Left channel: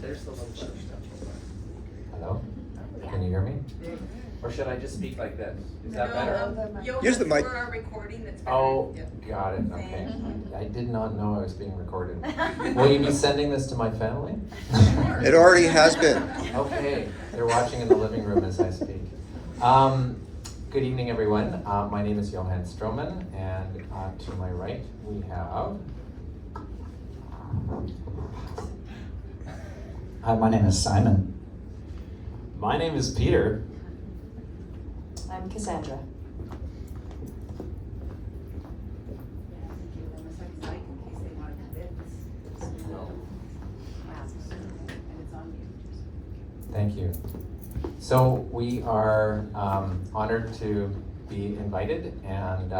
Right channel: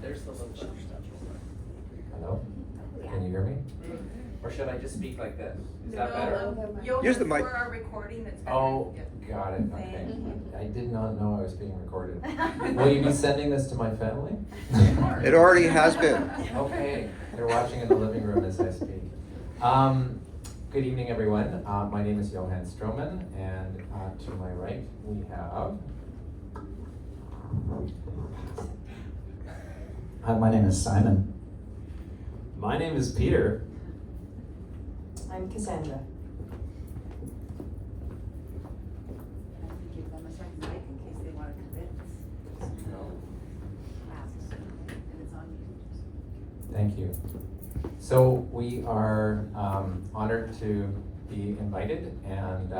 There's the little push stuff. Hello? Can you hear me? Or should I just speak like this? Is that No, better? you'll Use the mic. For our recording, that's better. Oh, Yeah. got it, okay. Thank I did not know I was being recorded. Will you be sending this to my family? It already has been. Okay, they're watching in the living room as I speak. Good evening, everyone. My name is Johan Stroman, and to my right we have... Hi, my name is Simon. My name is Peter. I'm Cassandra. And I can give them a second mic in case they want to commit. And it's on mute. Thank you. So we are honored to be invited, and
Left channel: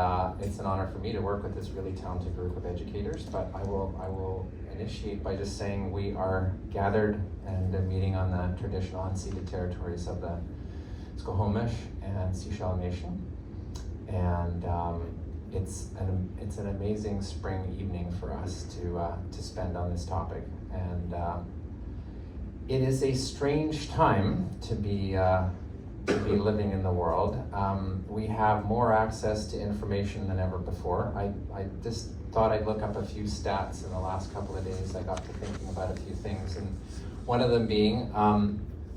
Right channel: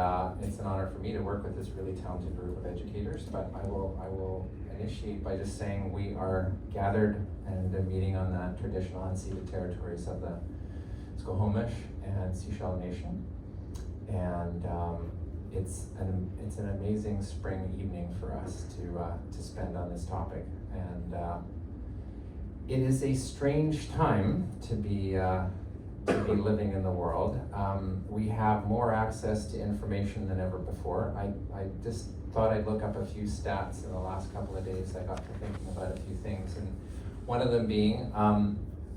it's an honor for me to work with this really talented group of educators. But I will initiate by just saying we are gathered and meeting on the traditional unceded territories of the Squamish and Sechelt Nation, and it's an amazing spring evening for us to spend on this topic, and it is a strange time to be living in the world. We have more access to information than ever before. I just thought I'd look up a few stats in the last couple of days. I got to thinking about a few things, and one of them being,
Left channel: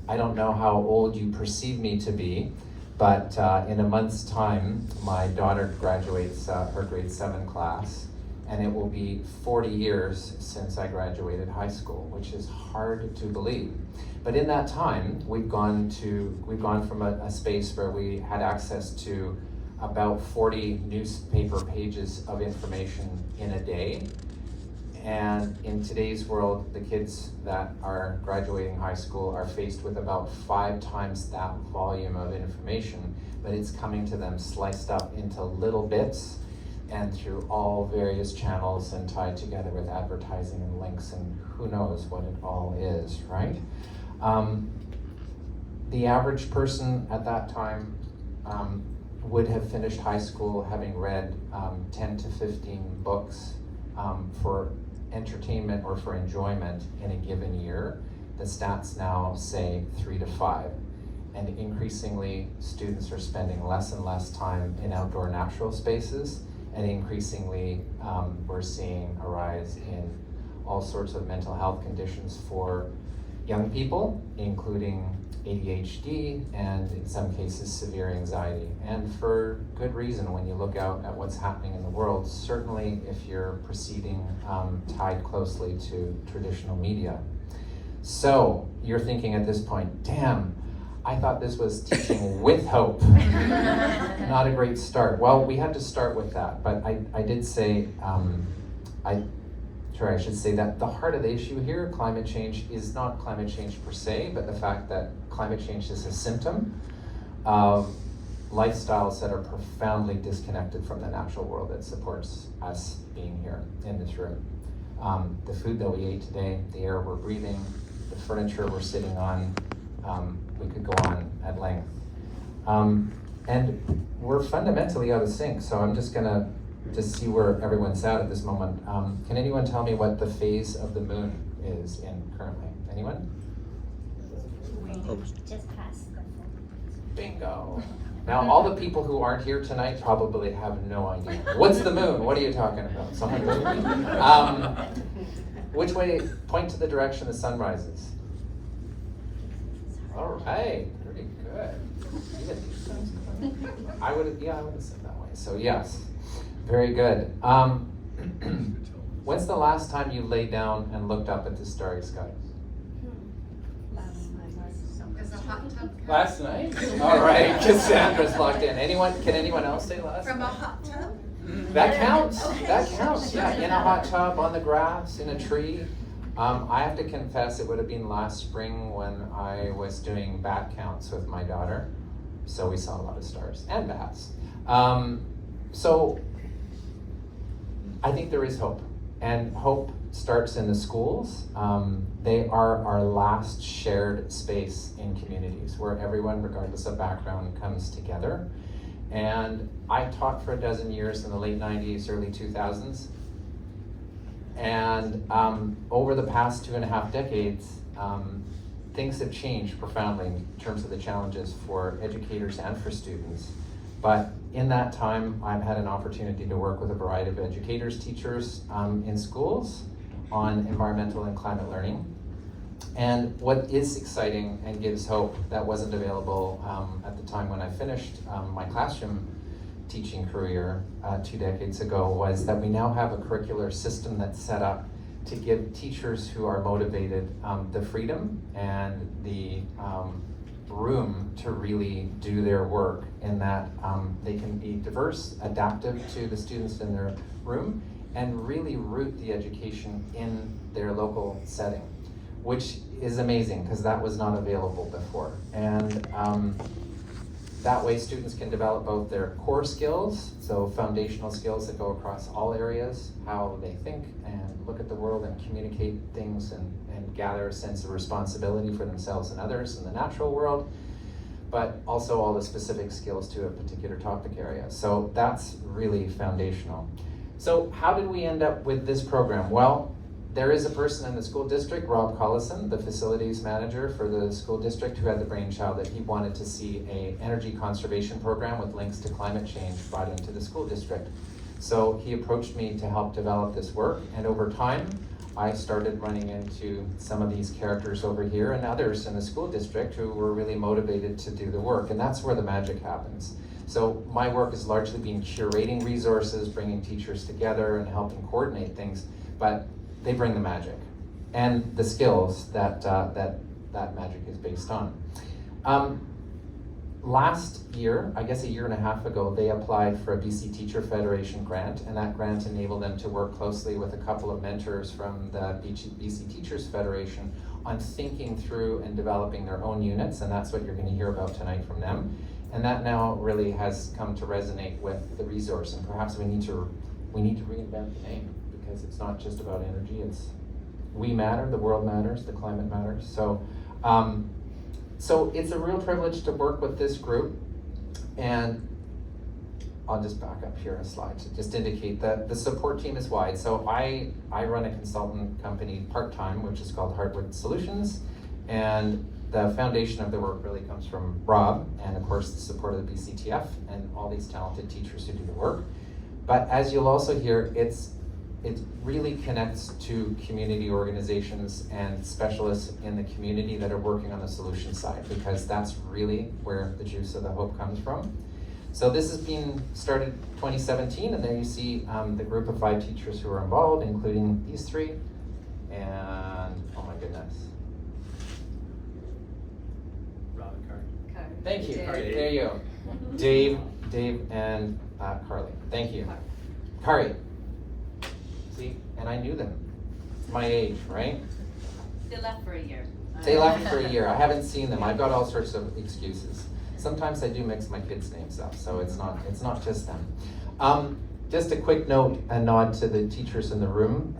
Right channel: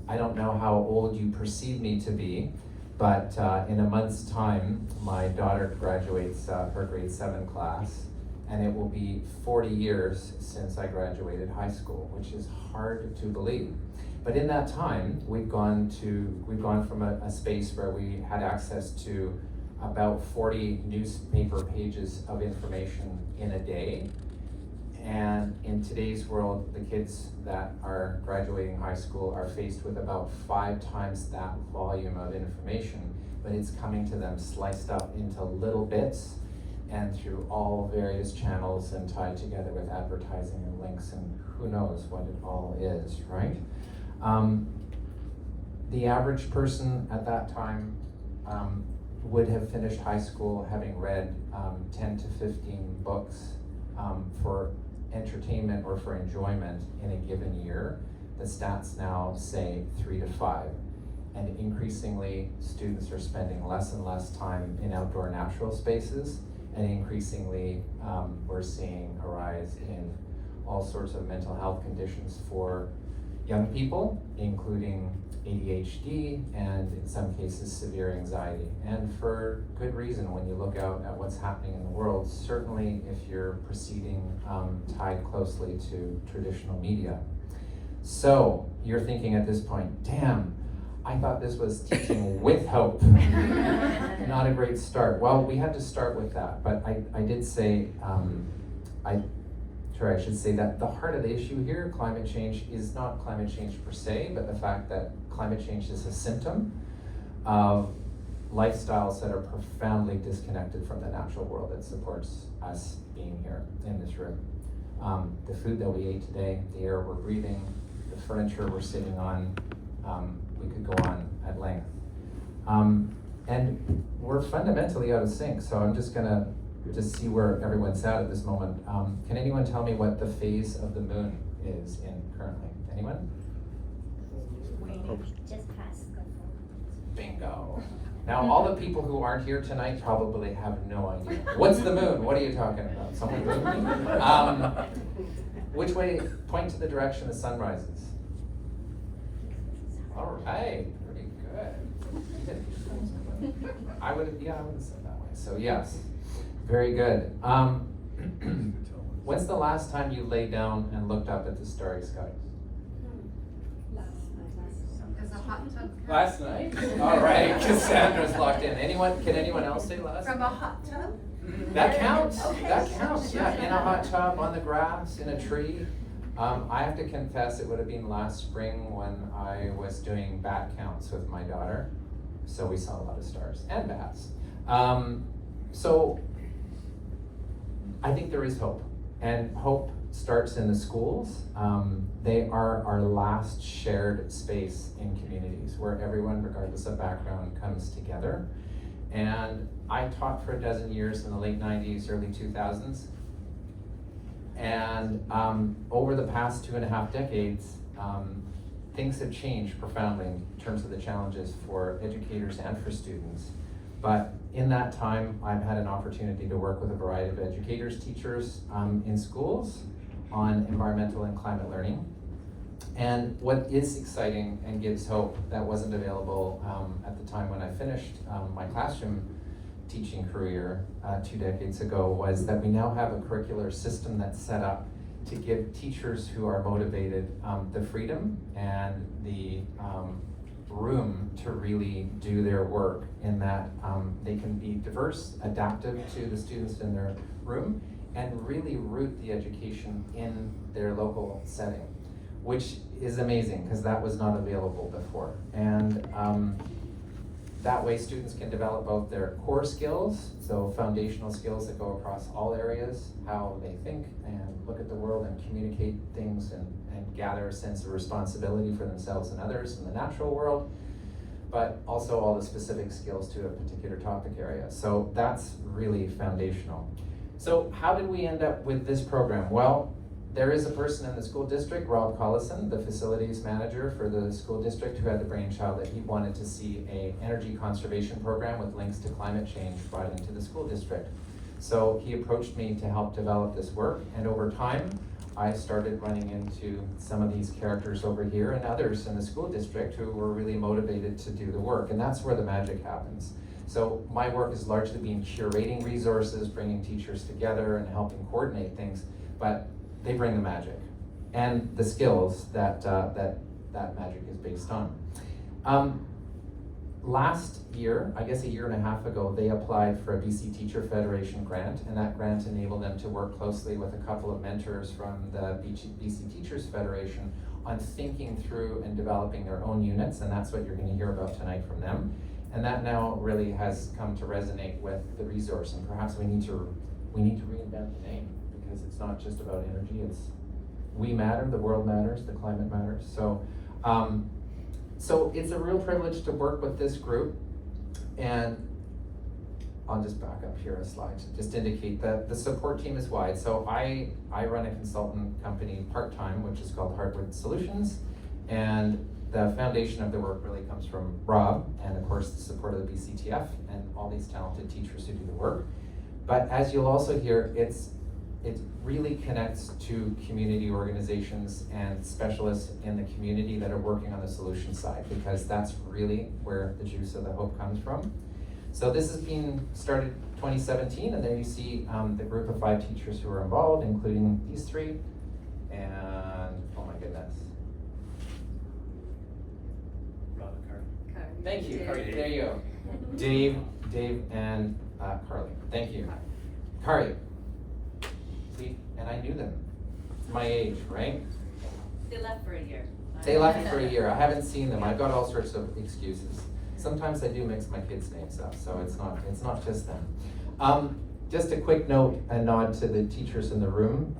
I don't know how old you perceive me to be, but in a month's time, my daughter graduates her grade 7 class, and it will be 40 years since I graduated high school, which is hard to believe. But in that time, we've gone from a space where we had access to about 40 newspaper pages of information in a day. And in today's world, the kids that are graduating high school are faced with about 5 times that volume of information, but it's coming to them sliced up into little bits and through all various channels and tied together with advertising and links and who knows what it all is, right? The average person at that time would have finished high school having read 10 to 15 books for entertainment or for enjoyment in a given year. The stats now say 3 to 5. And increasingly, students are spending less and less time in outdoor natural spaces, and increasingly we're seeing a rise in all sorts of mental health conditions for young people, including ADHD and in some cases severe anxiety, and for good reason when you look out at what's happening in the world, certainly if you're proceeding tied closely to traditional media. So you're thinking at this point, damn, I thought this was teaching with hope. Not a great start. Well, we had to start with that, but I did say, I should say that the heart of the issue here, climate change, is not climate change per se, but the fact that climate change is a symptom of lifestyles that are profoundly disconnected from the natural world that supports us being here in this room. The food that we ate today, the air we're breathing, the furniture we're sitting on, we could go on at length. And we're fundamentally out of sync, so I'm just gonna see where everyone's at this moment. Can anyone tell me what the phase of the moon is in currently? Anyone? Just past the Bingo. Now, all the people who aren't here tonight probably have no idea. What's the moon? What are you talking about? Someone moving? Which way? Point to the direction the sun rises. All right, pretty good. I would have said that way. So yes, very good. When's the last time you laid down and looked up at the starry skies? Is a hot tub count? Last night? All right, Cassandra's locked in. Can anyone else say last From a night? hot tub? That counts. Okay. That counts. Yeah, in a hot tub, on the grass, in a tree. I have to confess, it would have been last spring when I was doing bat counts with my daughter. So we saw a lot of stars and bats. So I think there is hope, and hope starts in the schools. They are our last shared space in communities where everyone, regardless of background, comes together. And I taught for a dozen years in the late 90s, early 2000s. And over the past 2.5 decades, things have changed profoundly in terms of the challenges for educators and for students. But in that time, I've had an opportunity to work with a variety of educators, teachers in schools on environmental and climate learning. And what is exciting and gives hope that wasn't available at the time when I finished my classroom teaching career 2 decades ago was that we now have a curricular system that's set up to give teachers who are motivated the freedom and the room to really do their work in that they can be diverse, adaptive to the students in their room, and really root the education in their local setting, which is amazing because that was not available before. And that way students can develop both their core skills, so foundational skills that go across all areas, how they think and look at the world and communicate things and gather a sense of responsibility for themselves and others in the natural world, but also all the specific skills to a particular topic area. So that's really foundational. So how did we end up with this program? Well, there is a person in the school district, Rob Collison, the facilities manager for the school district, who had the brainchild that he wanted to see an energy conservation program with links to climate change brought into the school district. So he approached me to help develop this work, and over time, I started running into some of these characters over here and others in the school district who were really motivated to do the work, and that's where the magic happens. So my work has largely been curating resources, bringing teachers together and helping coordinate things, but they bring the magic and the skills that that magic is based on. Last year, I guess a year and a half ago, they applied for a BC Teacher Federation grant, and that grant enabled them to work closely with a couple of mentors from the BC Teachers Federation on thinking through and developing their own units, and that's what you're going to hear about tonight from them. And that now really has come to resonate with the resource, and perhaps we need to reinvent the name, because it's not just about energy, it's we matter, the world matters, the climate matters. So it's a real privilege to work with this group, and I'll just back up here a slide to just indicate that the support team is wide. So I run a consultant company part-time, which is called Heartwood Solutions, and the foundation of the work really comes from Rob, and of course the support of the BCTF and all these talented teachers who do the work. But as you'll also hear, it really connects to community organizations and specialists in the community that are working on the solution side, because that's really where the juice of the hope comes from. So this has been started 2017, and there you see the group of 5 teachers who are involved, including these 3, and oh my goodness. Thank you, there you go. Dave, and Carly, thank you. Kari. See, and I knew them, my age, right? They left for a year. They left for a year, I haven't seen them, I've got all sorts of excuses. Sometimes I do mix my kids' names up, so it's not just them. Just a quick note and nod to the teachers in the room.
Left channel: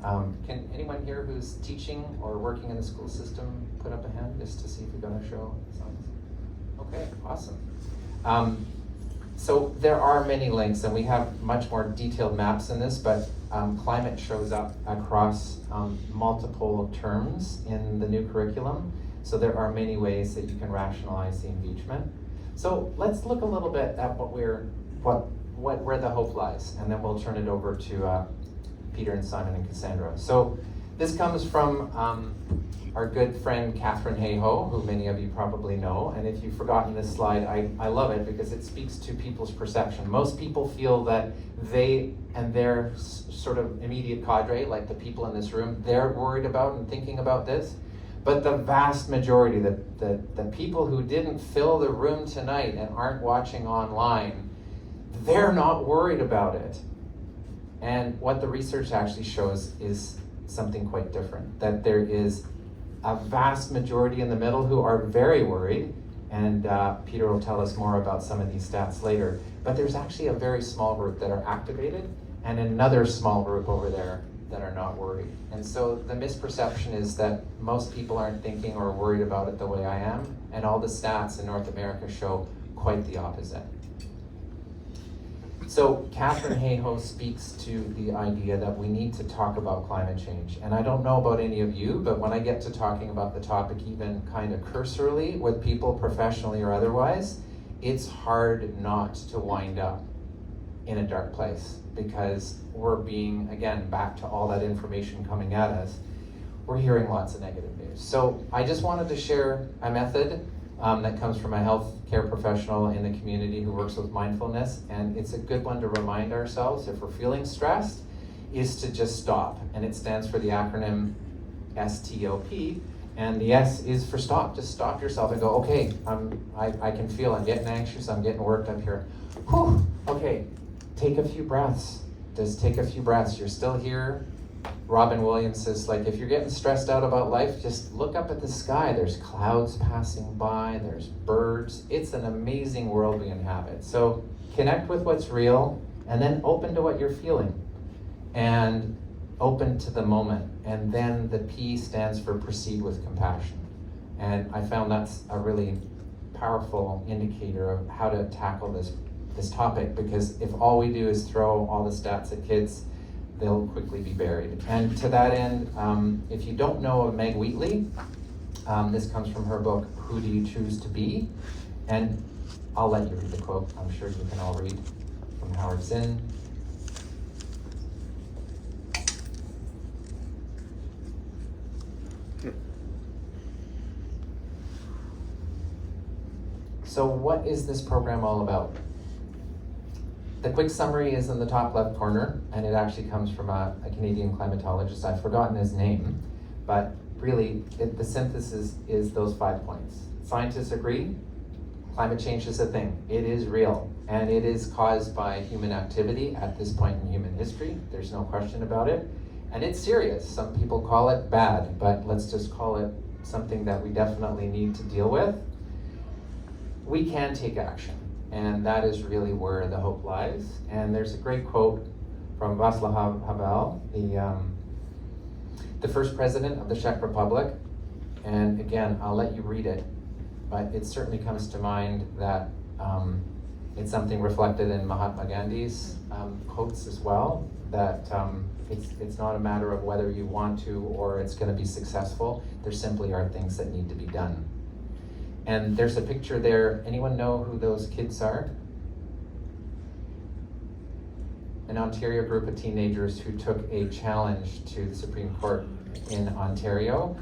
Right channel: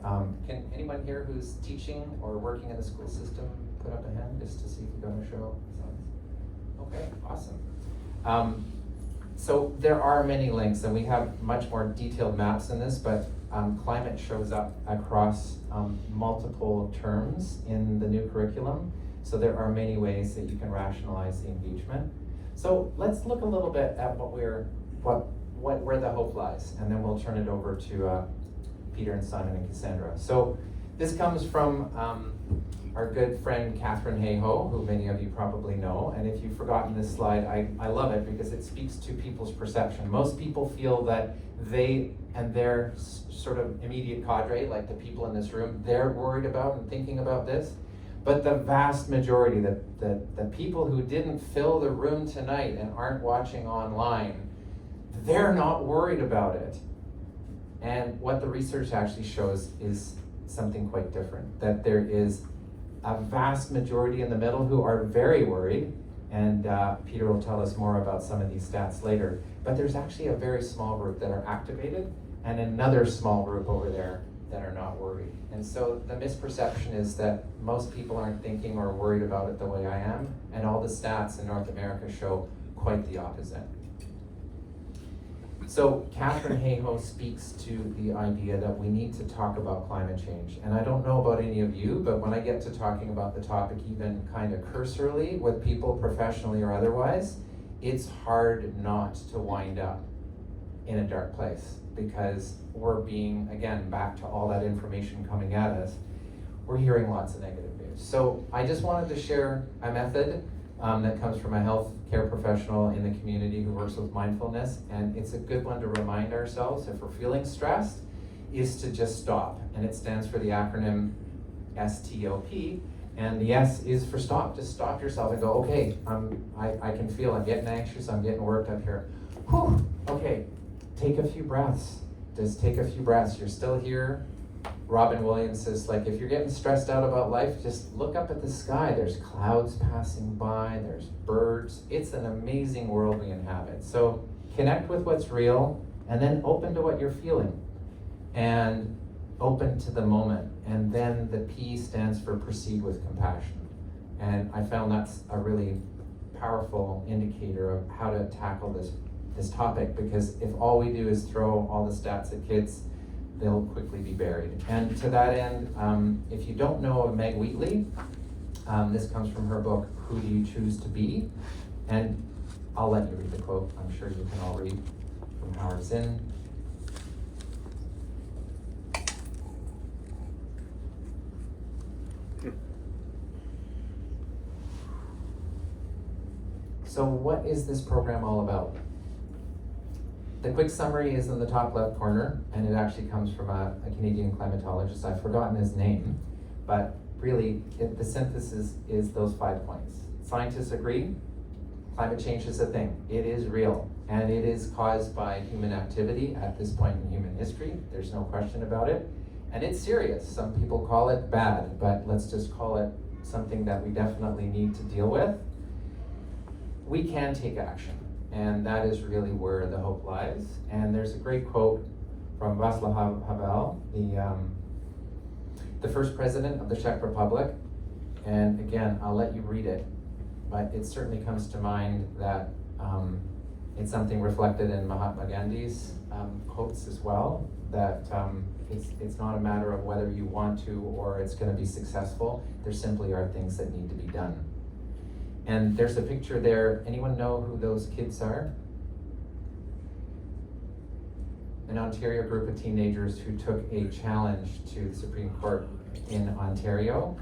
Can anyone here who's teaching or working in the school system put up a hand just to see if you're gonna show some? Okay, awesome. So there are many links, and we have much more detailed maps in this, but climate shows up across multiple terms in the new curriculum. So there are many ways that you can rationalize the engagement. So let's look a little bit at where the hope lies, and then we'll turn it over to Peter and Simon and Cassandra. So this comes from our good friend Katherine Hayhoe, who many of you probably know. And if you've forgotten this slide, I love it because it speaks to people's perception. Most people feel that they and their sort of immediate cadre, like the people in this room, they're worried about and thinking about this. But the vast majority, the people who didn't fill the room tonight and aren't watching online, they're not worried about it. And what the research actually shows is something quite different, that there is a vast majority in the middle who are very worried, and Peter will tell us more about some of these stats later. But there's actually a very small group that are activated, and another small group over there that are not worried. And so the misperception is that most people aren't thinking or worried about it the way I am, and all the stats in North America show quite the opposite. So Catherine Hayhoe speaks to the idea that we need to talk about climate change. And I don't know about any of you, but when I get to talking about the topic even kind of cursorily with people professionally or otherwise, it's hard not to wind up in a dark place because we're being, again, back to all that information coming at us, we're hearing lots of negative news. So I just wanted to share a method that comes from a healthcare professional in the community who works with mindfulness, and it's a good one to remind ourselves if we're feeling stressed, is to just stop. And it stands for the acronym STOP, and the S is for stop. Just stop yourself and go, okay, I can feel I'm getting anxious, I'm getting worked up here. Whew, okay, take a few breaths. Just take a few breaths. You're still here. Robin Williams says, like, if you're getting stressed out about life, just look up at the sky. There's clouds passing by, there's birds. It's an amazing world we inhabit. So connect with what's real, and then open to what you're feeling. And open to the moment. And then the P stands for proceed with compassion. And I found that's a really powerful indicator of how to tackle this topic, because if all we do is throw all the stats at kids, they'll quickly be buried. And to that end, if you don't know of Meg Wheatley, this comes from her book, Who Do You Choose to Be? And I'll let you read the quote. I'm sure you can all read from Howard Zinn. So what is this program all about? The quick summary is in the top left corner, and it actually comes from a Canadian climatologist. I've forgotten his name, but really the synthesis is those 5 points. Scientists agree, climate change is a thing. It is real, and it is caused by human activity at this point in human history. There's no question about it. And it's serious. Some people call it bad, but let's just call it something that we definitely need to deal with. We can take action, and that is really where the hope lies. And there's a great quote from Václav Havel, the first president of the Czech Republic. And again, I'll let you read it, but it certainly comes to mind that it's something reflected in Mahatma Gandhi's quotes as well, that it's not a matter of whether you want to or it's going to be successful. There simply are things that need to be done. And there's a picture there. Anyone know who those kids are? An Ontario group of teenagers who took a challenge to the Supreme Court in Ontario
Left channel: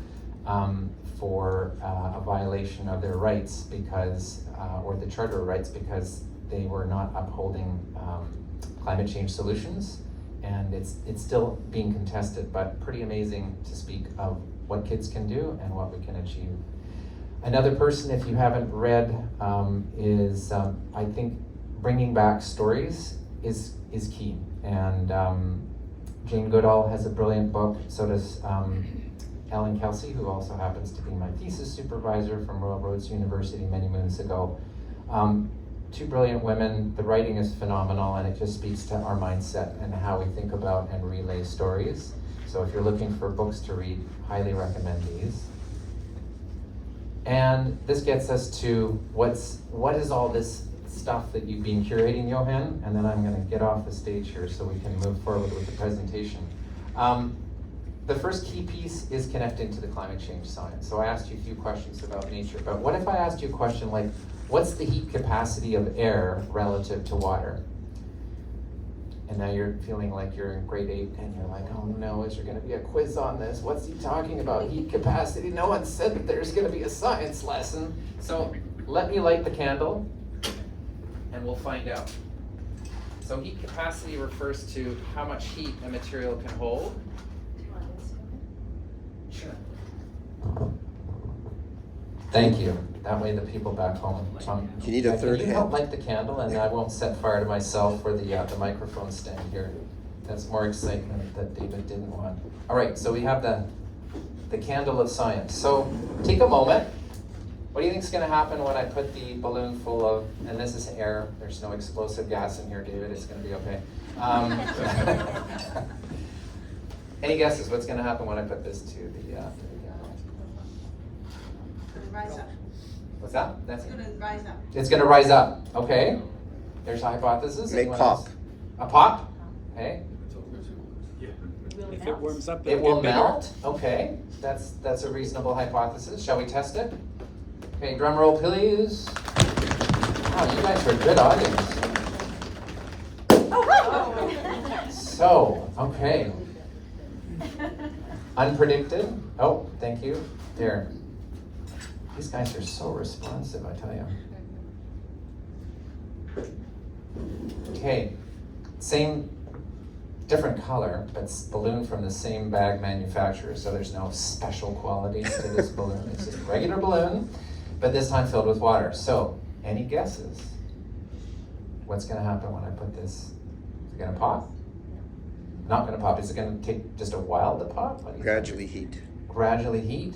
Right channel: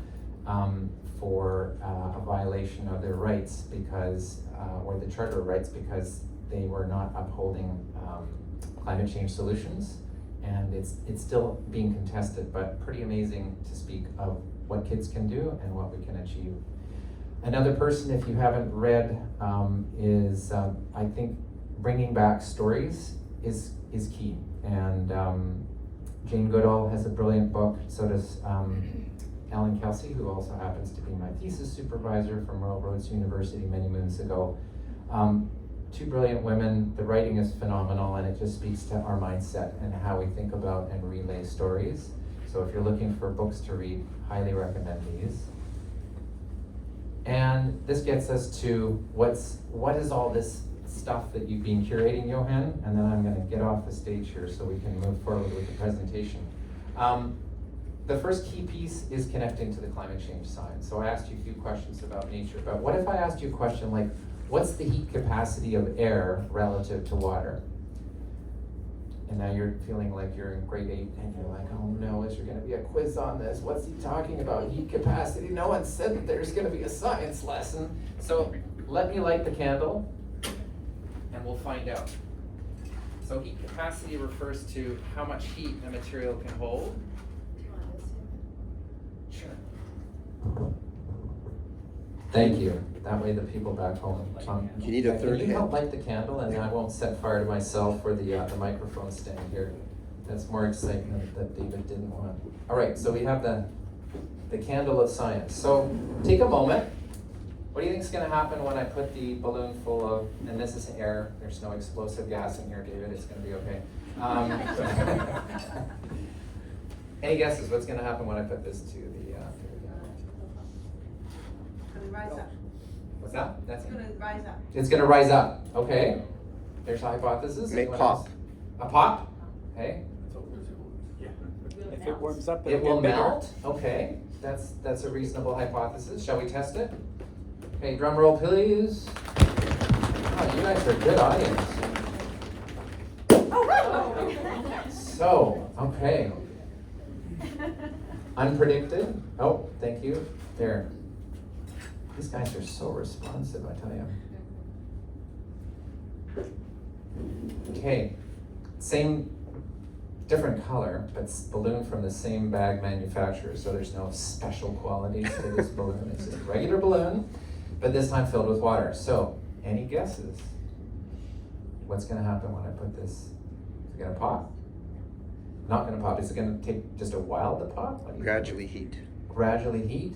for a violation of their rights because, or the Charter of Rights, because they were not upholding climate change solutions. And it's still being contested, but pretty amazing to speak of what kids can do and what we can achieve. Another person, if you haven't read, is I think bringing back stories is key. And Jane Goodall has a brilliant book. So does Ellen Kelsey, who also happens to be my thesis supervisor from Royal Roads University many moons ago. Two brilliant women. The writing is phenomenal, and it just speaks to our mindset and how we think about and relay stories. So if you're looking for books to read, highly recommend these. And this gets us to what is all this stuff that you've been curating, Johan? And then I'm going to get off the stage here so we can move forward with the presentation. The first key piece is connecting to the climate change science. So I asked you a few questions about nature, but what if I asked you a question like, what's the heat capacity of air relative to water? And now you're feeling like you're in grade 8 and you're like, oh no, is there going to be a quiz on this? What's he talking about? Heat capacity? No one said that there's going to be a science lesson. So let me light the candle and we'll find out. So heat capacity refers to how much heat a material can hold. Sure. Thank you. That way the people back home. You need a third Can you help hand. light the candle, and I won't set fire to myself or the microphone stand here. That's more excitement that David didn't want. All right, so we have the candle of science. So take a moment. What do you think is going to happen when I put the balloon full of, and this is air, there's no explosive gas in here, David, it's going to be okay. Any guesses what's going to happen when I put this to the Rise up. what's that? It's gonna rise up. It's going to rise up, okay. There's a hypothesis. May Anyone pop. else? A pop? Okay. If it warms up, It it'll will get bigger. melt. Okay. That's a reasonable hypothesis. Shall we test it? Okay, drum roll please. Oh, you guys are a good audience. So, okay. Unpredicted. Oh, thank you. There. These guys are so responsive, I tell you. Okay, same, different color, but balloon from the same bag manufacturer, so there's no special qualities to this balloon. It's just a regular balloon, but this time filled with water. So, any guesses? What's gonna happen when I put this? Is it gonna pop? Not gonna pop. Is it gonna take just a while to pop? What do you Gradually heat. think? Gradually heat.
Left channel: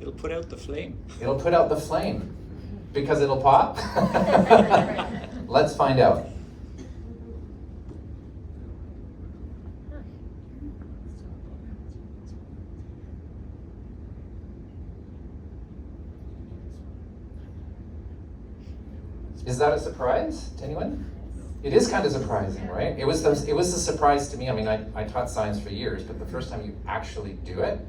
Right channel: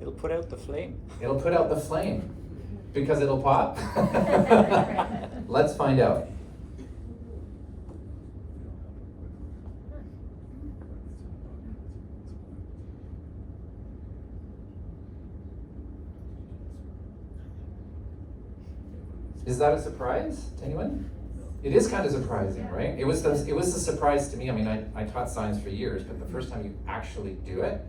It'll put out the flame. It'll put out the flame because it'll pop. Let's find out. Is that a surprise to anyone? It is kind of surprising, right? It was a surprise to me. I mean, I taught science for years, but the first time you actually do it.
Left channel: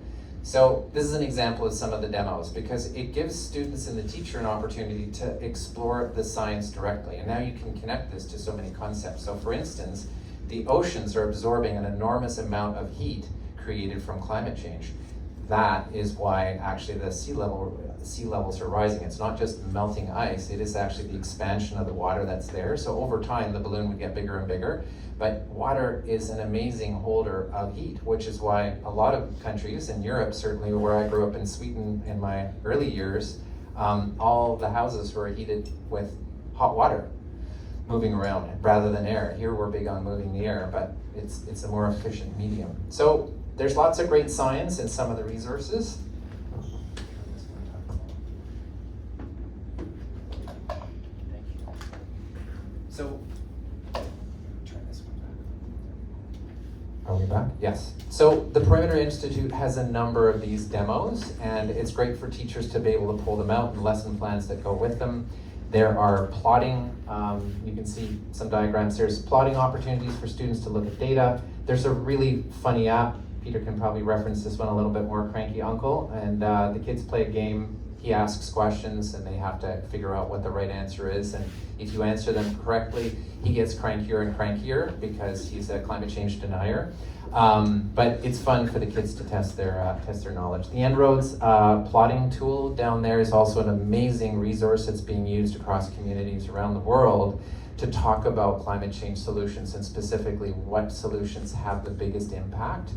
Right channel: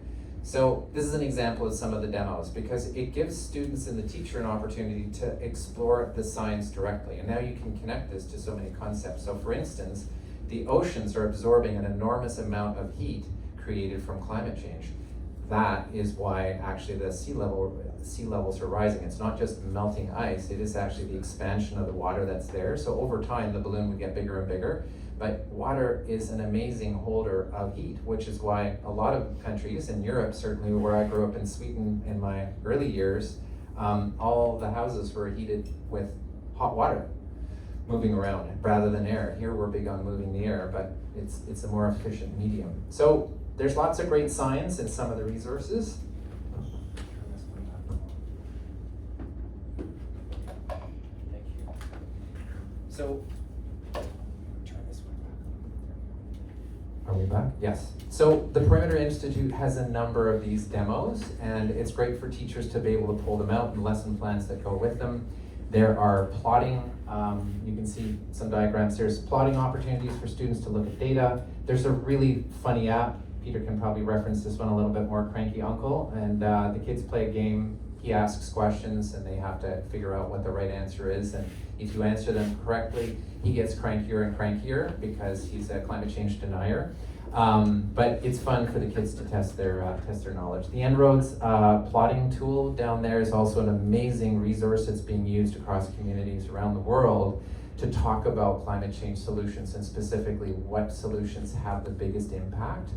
So this is an example of some of the demos because it gives students and the teacher an opportunity to explore the science directly. And now you can connect this to so many concepts. So for instance, the oceans are absorbing an enormous amount of heat created from climate change. That is why actually the sea levels are rising. It's not just melting ice, it is actually the expansion of the water that's there. So over time, the balloon would get bigger and bigger. But water is an amazing holder of heat, which is why a lot of countries in Europe, certainly where I grew up in Sweden in my early years, all the houses were heated with hot water moving around rather than air. Here we're big on moving the air, but it's a more efficient medium. So there's lots of great science in some of the resources. So, Are we back? Yes. So the Perimeter Institute has a number of these demos, and it's great for teachers to be able to pull them out and lesson plans that go with them. There are plotting, you can see some diagrams. There's plotting opportunities for students to look at data. There's a really funny app. Peter can probably reference this one a little bit more, Cranky Uncle, and the kids play a game. He asks questions and they have to figure out what the right answer is, and if you answer them correctly, he gets crankier and crankier because he's a climate change denier. But it's fun for the kids to test their knowledge. The En-ROADS plotting tool down there is also an amazing resource that's being used across communities around the world to talk about climate change solutions and specifically what solutions have the biggest impact.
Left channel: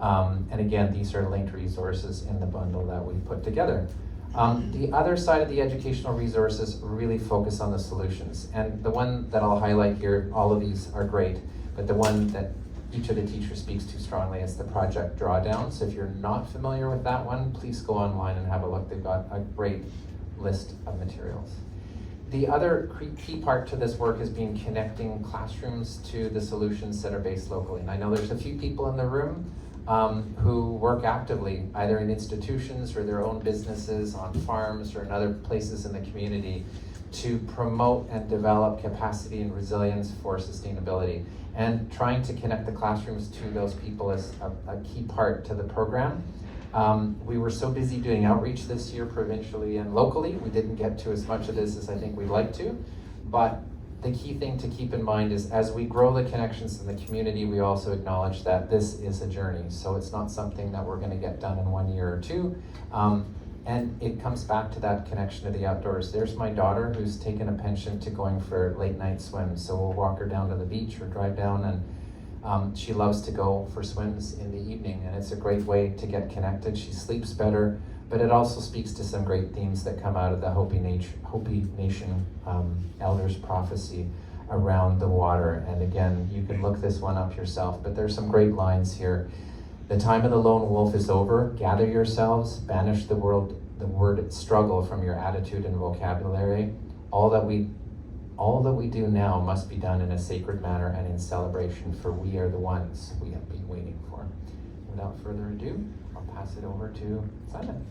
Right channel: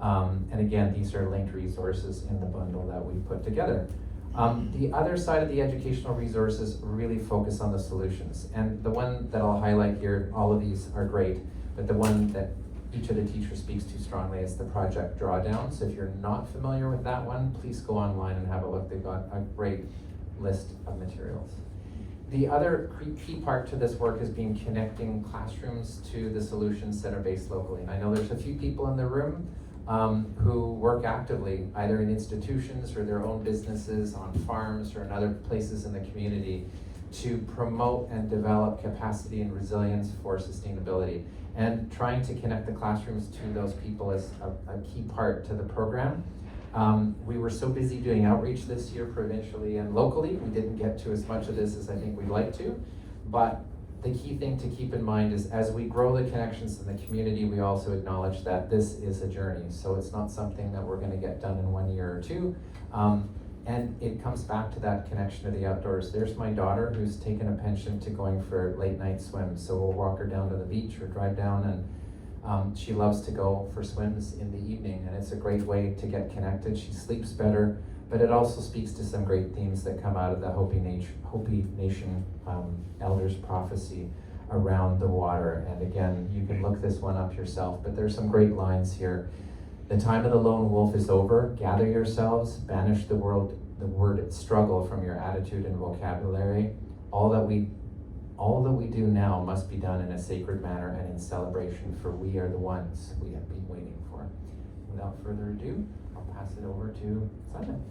And again, these are linked resources in the bundle that we put together. The other side of the educational resources really focus on the solutions. And the one that I'll highlight here, all of these are great, but the one that each of the teachers speaks to strongly is the Project Drawdown. So if you're not familiar with that one, please go online and have a look. They've got a great list of materials. The other key part to this work has been connecting classrooms to the solutions that are based locally. And I know there's a few people in the room who work actively, either in institutions or their own businesses, on farms or in other places in the community, to promote and develop capacity and resilience for sustainability. And trying to connect the classrooms to those people is a key part to the program. We were so busy doing outreach this year provincially and locally, we didn't get to as much of this as I think we'd like to, but the key thing to keep in mind is as we grow the connections in the community, we also acknowledge that this is a journey. So it's not something that we're gonna get done in 1 year or two. And it comes back to that connection to the outdoors. There's my daughter who's taken a penchant to going for late night swims. So we'll walk her down to the beach or drive down, and she loves to go for swims in the evening. And it's a great way to get connected. She sleeps better, but it also speaks to some great themes that come out of the Hopi Nation Elders Prophecy around the water. And again, you can look this one up yourself, but there's some great lines here. The time of the lone wolf is over. Gather yourselves, banish the word struggle from your attitude and vocabulary. All that we do now must be done in a sacred manner and in celebration, for we are the ones we have been waiting for. Without further ado, I'll pass it over to Simon.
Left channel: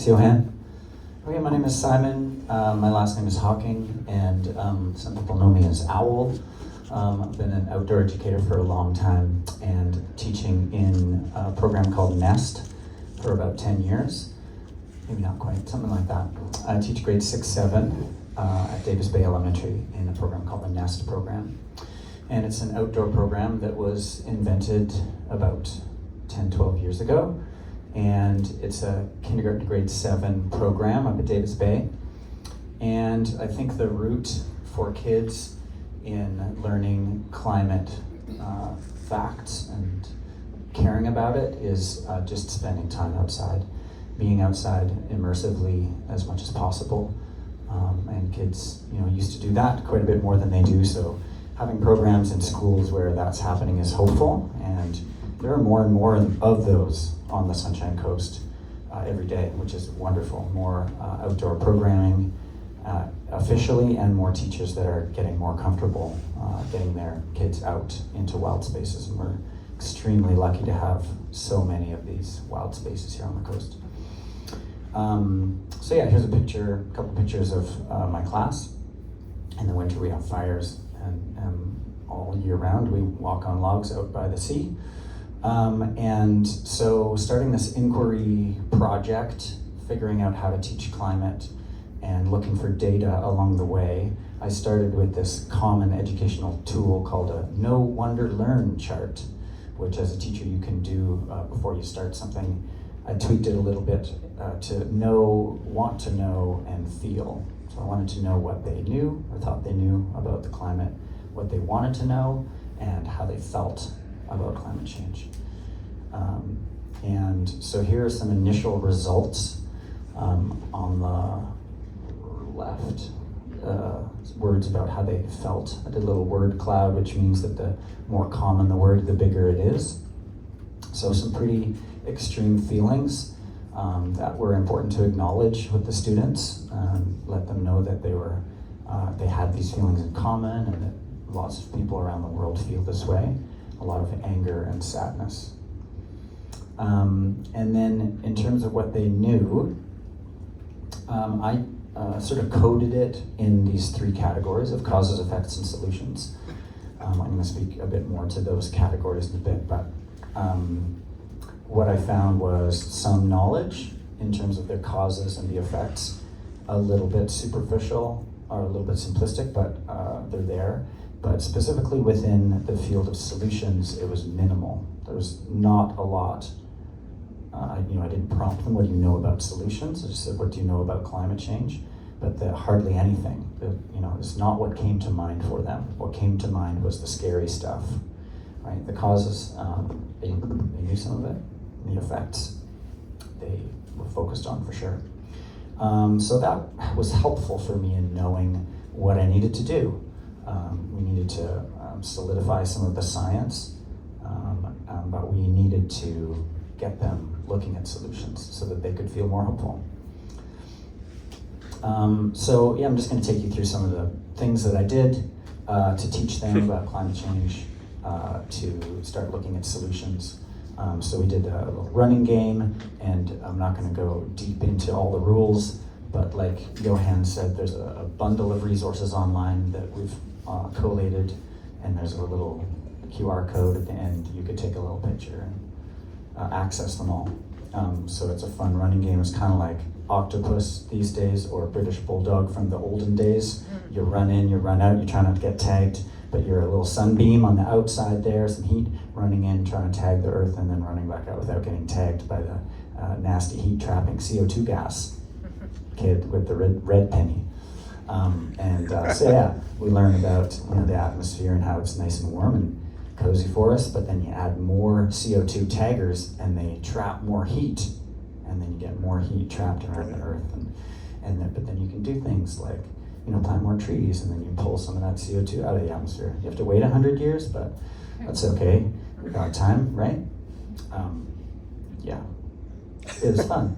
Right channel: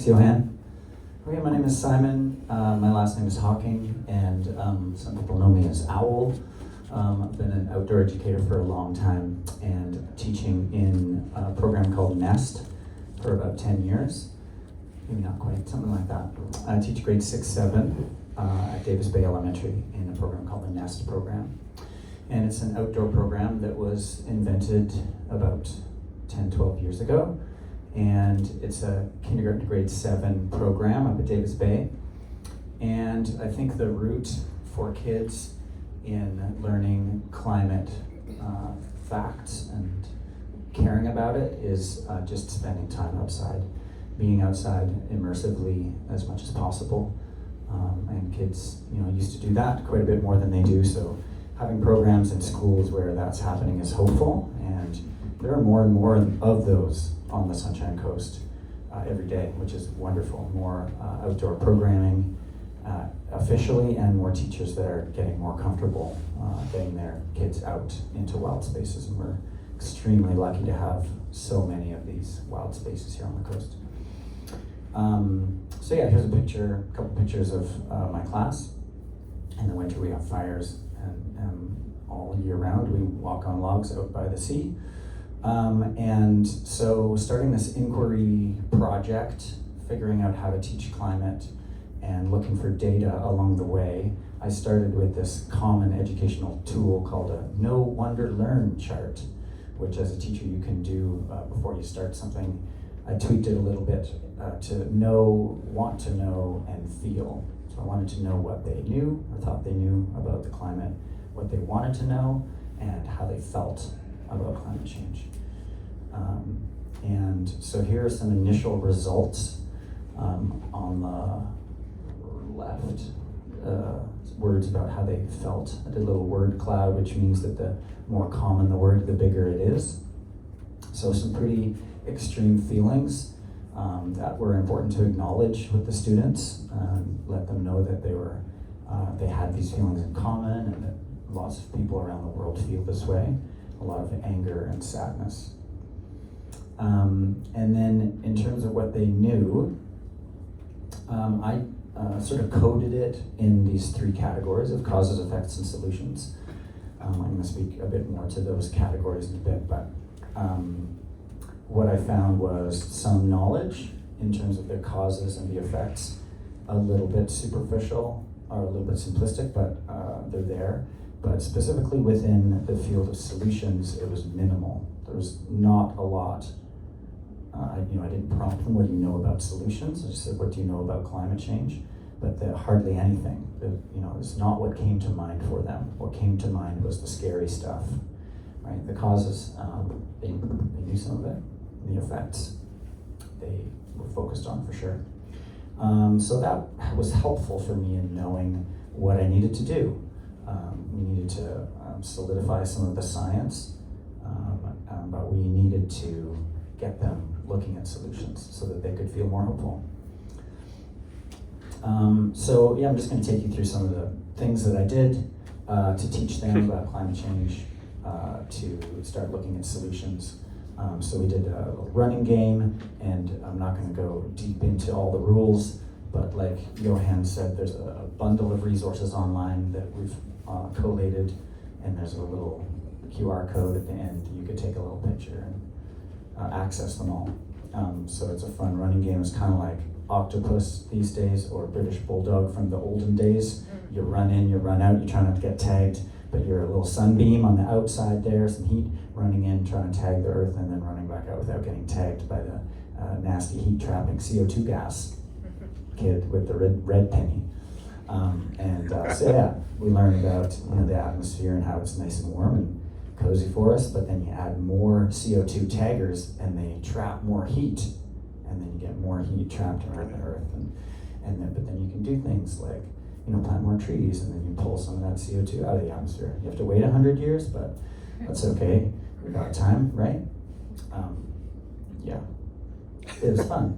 Thanks, Johan. Okay, my name is Simon. My last name is Hawking, and some people know me as Owl. I've been an outdoor educator for a long time and teaching in a program called NEST for about 10 years. Maybe not quite, something like that. I teach grades 6, 7 at Davis Bay Elementary in a program called the NEST program. And it's an outdoor program that was invented about 10, 12 years ago. And it's a kindergarten to grade 7 program up at Davis Bay. And I think the route for kids in learning climate facts and caring about it is just spending time outside, being outside immersively as much as possible. And kids, used to do that quite a bit more than they do. So having programs in schools where that's happening is hopeful. And there are more and more of those on the Sunshine Coast every day, which is wonderful. More outdoor programming officially, and more teachers that are getting more comfortable getting their kids out into wild spaces. And we're extremely lucky to have so many of these wild spaces here on the coast. So yeah, here's a couple pictures of my class. In the winter we have fires, and all year round we walk on logs out by the sea. And so starting this inquiry project, figuring out how to teach climate and looking for data along the way, I started with this common educational tool called a Know, Wonder, Learn chart, which as a teacher you can do before you start something. I tweaked it a little bit to know, want to know, and feel. So I wanted to know what they knew or thought they knew about the climate, what they wanted to know, and how they felt about climate change. And so here are some initial results on the left. Words about how they felt. I did a little word cloud, which means that the more common the word, the bigger it is. So some pretty extreme feelings that were important to acknowledge with the students, let them know that they had these feelings in common, and that lots of people around the world feel this way. A lot of anger and sadness. And then in terms of what they knew, I sort of coded it in these 3 categories of causes, effects, and solutions. I'm going to speak a bit more to those categories in a bit, but what I found was some knowledge in terms of their causes and the effects, a little bit superficial or a little bit simplistic, but they're there. But specifically within the field of solutions, it was minimal. There was not a lot. I didn't prompt them, what do you know about solutions? I just said, what do you know about climate change? But hardly anything. It's not what came to mind for them. What came to mind was the scary stuff, right? The causes, they knew some of it. The effects, they were focused on for sure. So that was helpful for me in knowing what I needed to do. We needed to solidify some of the science, but we needed to get them looking at solutions so that they could feel more hopeful. So yeah, I'm just going to take you through some of the things that I did to teach them about climate change, to start looking at solutions. So we did a little running game, and I'm not going to go deep into all the rules, but like Johan said, there's a bundle of resources online that we've collated, and there's a little QR code at the end. You could take a little picture and access them all. So it's a fun running game. It's kind of like Octopus these days, or British Bulldog from the olden days. You run in, you run out, you try not to get tagged, but you're a little sunbeam on the outside there, some heat, running in, trying to tag the earth, and then running back out without getting tagged by the nasty heat-trapping CO2 gas kid with the red penny. So yeah, we learned about the atmosphere and how it's nice and warm and cozy for us, but then you add more CO2 taggers and they trap more heat, and then you get more heat trapped around the earth, but then you can do things like plant more trees, and then you pull some of that CO2 out of the atmosphere. You have to wait 100 years, but that's okay. We got time, right? Yeah, it was fun.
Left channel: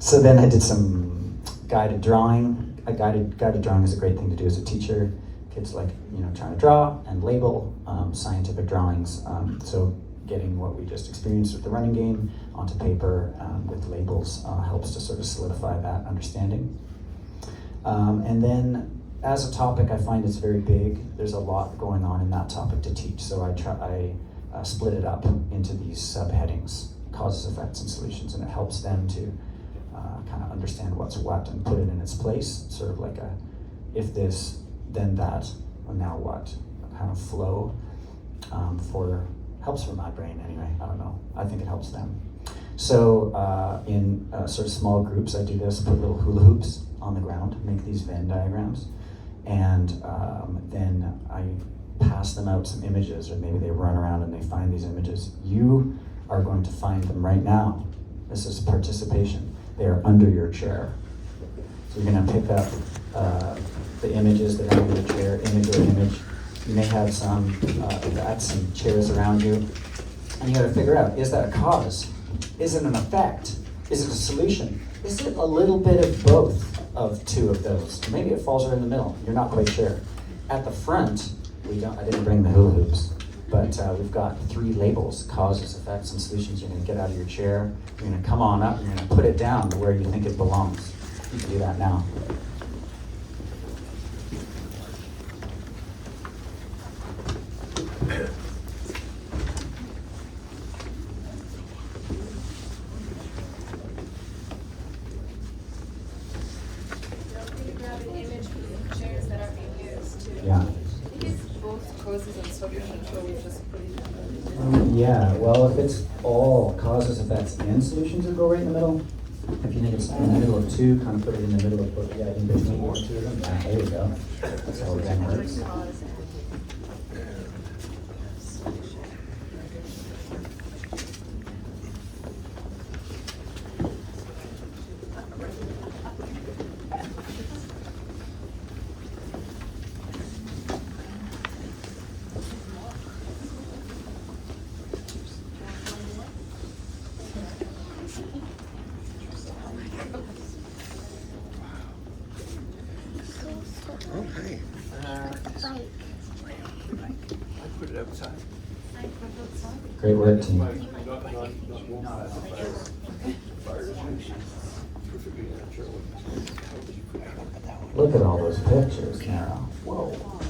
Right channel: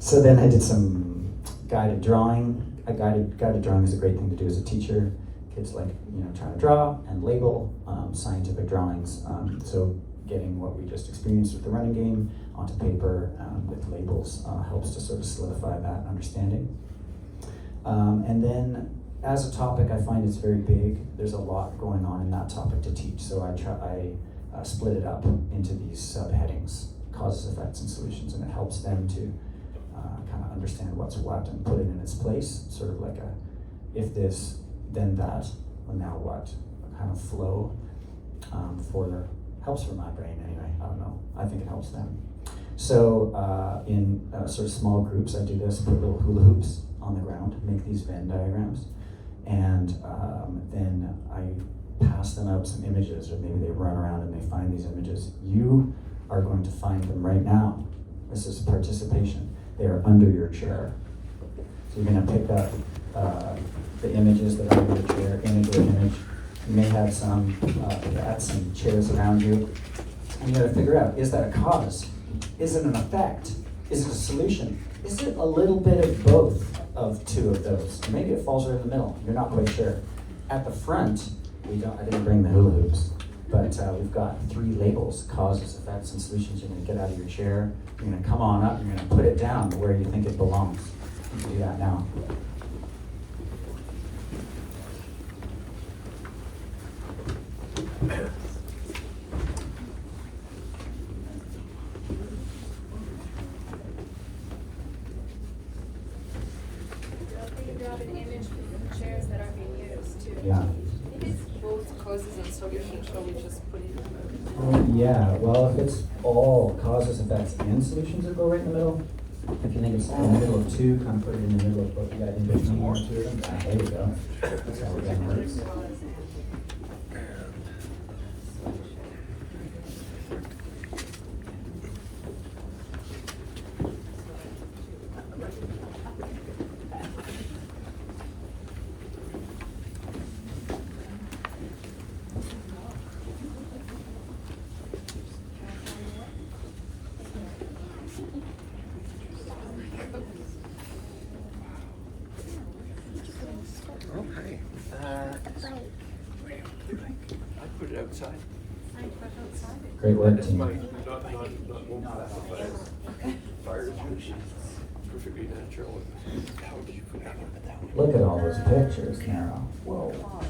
So then I did some guided drawing. Guided drawing is a great thing to do as a teacher. Kids like trying to draw and label scientific drawings. So getting what we just experienced with the running game onto paper with labels helps to sort of solidify that understanding. And then as a topic, I find it's very big. There's a lot going on in that topic to teach, so I split it up into these subheadings: causes, effects, and solutions, and it helps them to kind of understand what's what and put it in its place, sort of like a if this, then that, or now what kind of flow. Helps for my brain anyway. I don't know. I think it helps them. So in sort of small groups, I do this: put little hula hoops on the ground, make these Venn diagrams, and then I pass them out some images, or maybe they run around and they find these images. You are going to find them right now. This is participation. They are under your chair. So you're going to pick up the images that are under your chair, image or image. You may have some chairs around you, and you got to figure out: is that a cause? Is it an effect? Is it a solution? Is it a little bit of both of two of those? Or maybe it falls right in the middle. You're not quite sure. At the front, I didn't bring the hula hoops, but we've got 3 labels: causes, effects, and solutions. You're going to get out of your chair. You're going to come on up. You're going to put it down where you think it belongs. You can do that now. Yeah. I think it's both causes and solutions, so we just put it Yeah, well, if it's all causes, effects, and solutions that go right in the middle, if you think it's in the middle of 2, kind of put it in the middle of both, in between 1 and 2 of them. Ah, there you go. That's how it then works. Oh, hi. I put it outside. Great work, team. Perfectly natural. How did you put that? Look at all those pictures, Carol. Whoa.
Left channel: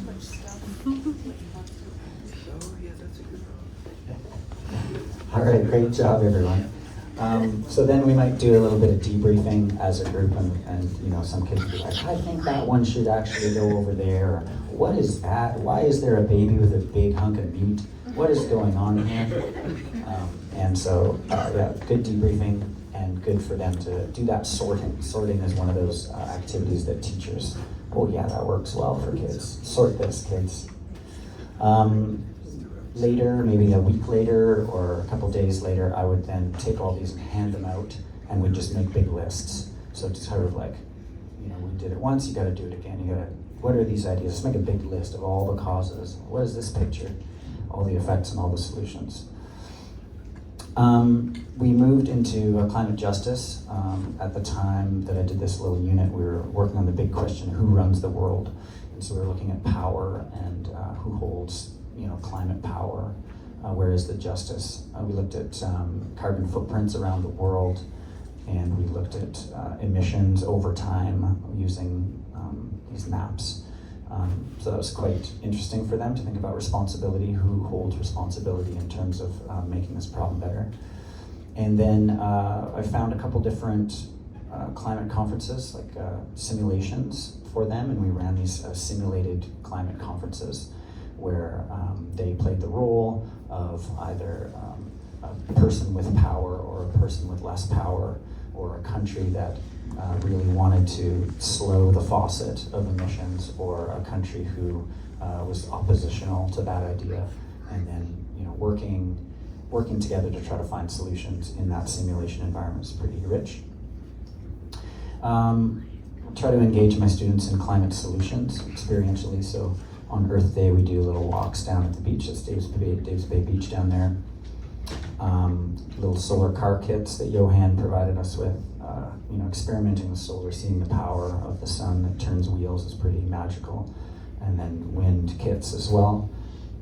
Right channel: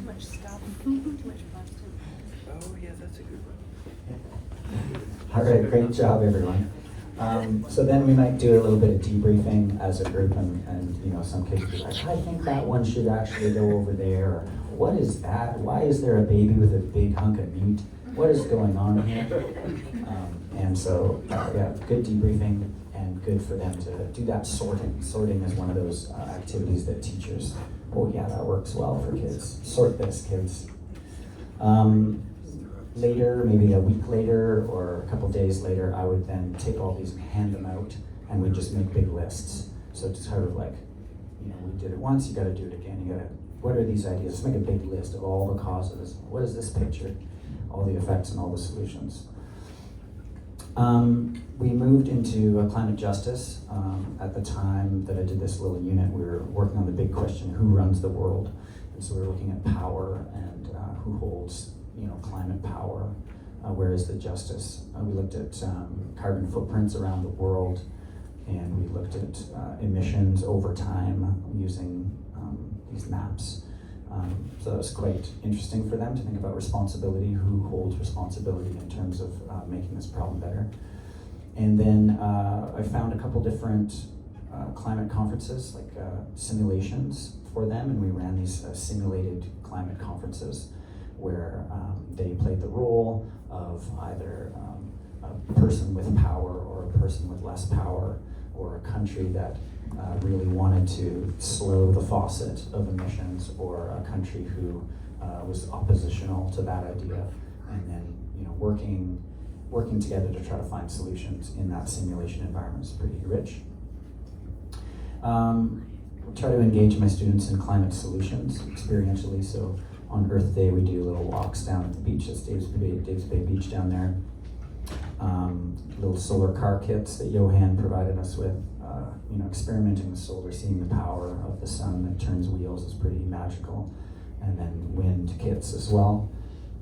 too much stuff. Oh, yeah, that's a good one. All right, great job, everyone. So then we might do a little bit of debriefing as a group, and you know, some kids will be like, I think that one should actually go over there. Or, what is that? Why is there a baby with a big hunk of meat? What is going on here? And so, yeah, good debriefing, and good for them to do that sorting. Sorting is one of those activities that teachers, oh yeah, that works well for kids. Sort this, kids. Later, maybe a week later or a couple days later, I would then take all these and hand them out, and we'd just make big lists. So it's sort of like, you know, we did it once, you gotta do it again. You gotta, what are these ideas? Let's make a big list of all the causes. What is this picture? All the effects and all the solutions. We moved into climate justice. At the time that I did this little unit, we were working on the big question, who runs the world? And so we were looking at power and who holds, you know, climate power. Where is the justice? We looked at carbon footprints around the world, and we looked at emissions over time using these maps. So that was quite interesting for them to think about responsibility, who holds responsibility in terms of making this problem better. And then I found a couple different climate conferences, like simulations for them, and we ran these simulated climate conferences where they played the role of either a person with power or a person with less power, or a country that really wanted to slow the faucet of emissions, or a country who was oppositional to that idea, and then, you know, working together to try to find solutions in that simulation environment is pretty rich. Try to engage my students in climate solutions experientially. So on Earth Day, we do little walks down at the beach. That's Davis Bay Beach down there. Little solar car kits that Johan provided us with. You know, experimenting with solar, seeing the power of the sun that turns wheels is pretty magical. And then wind kits as well.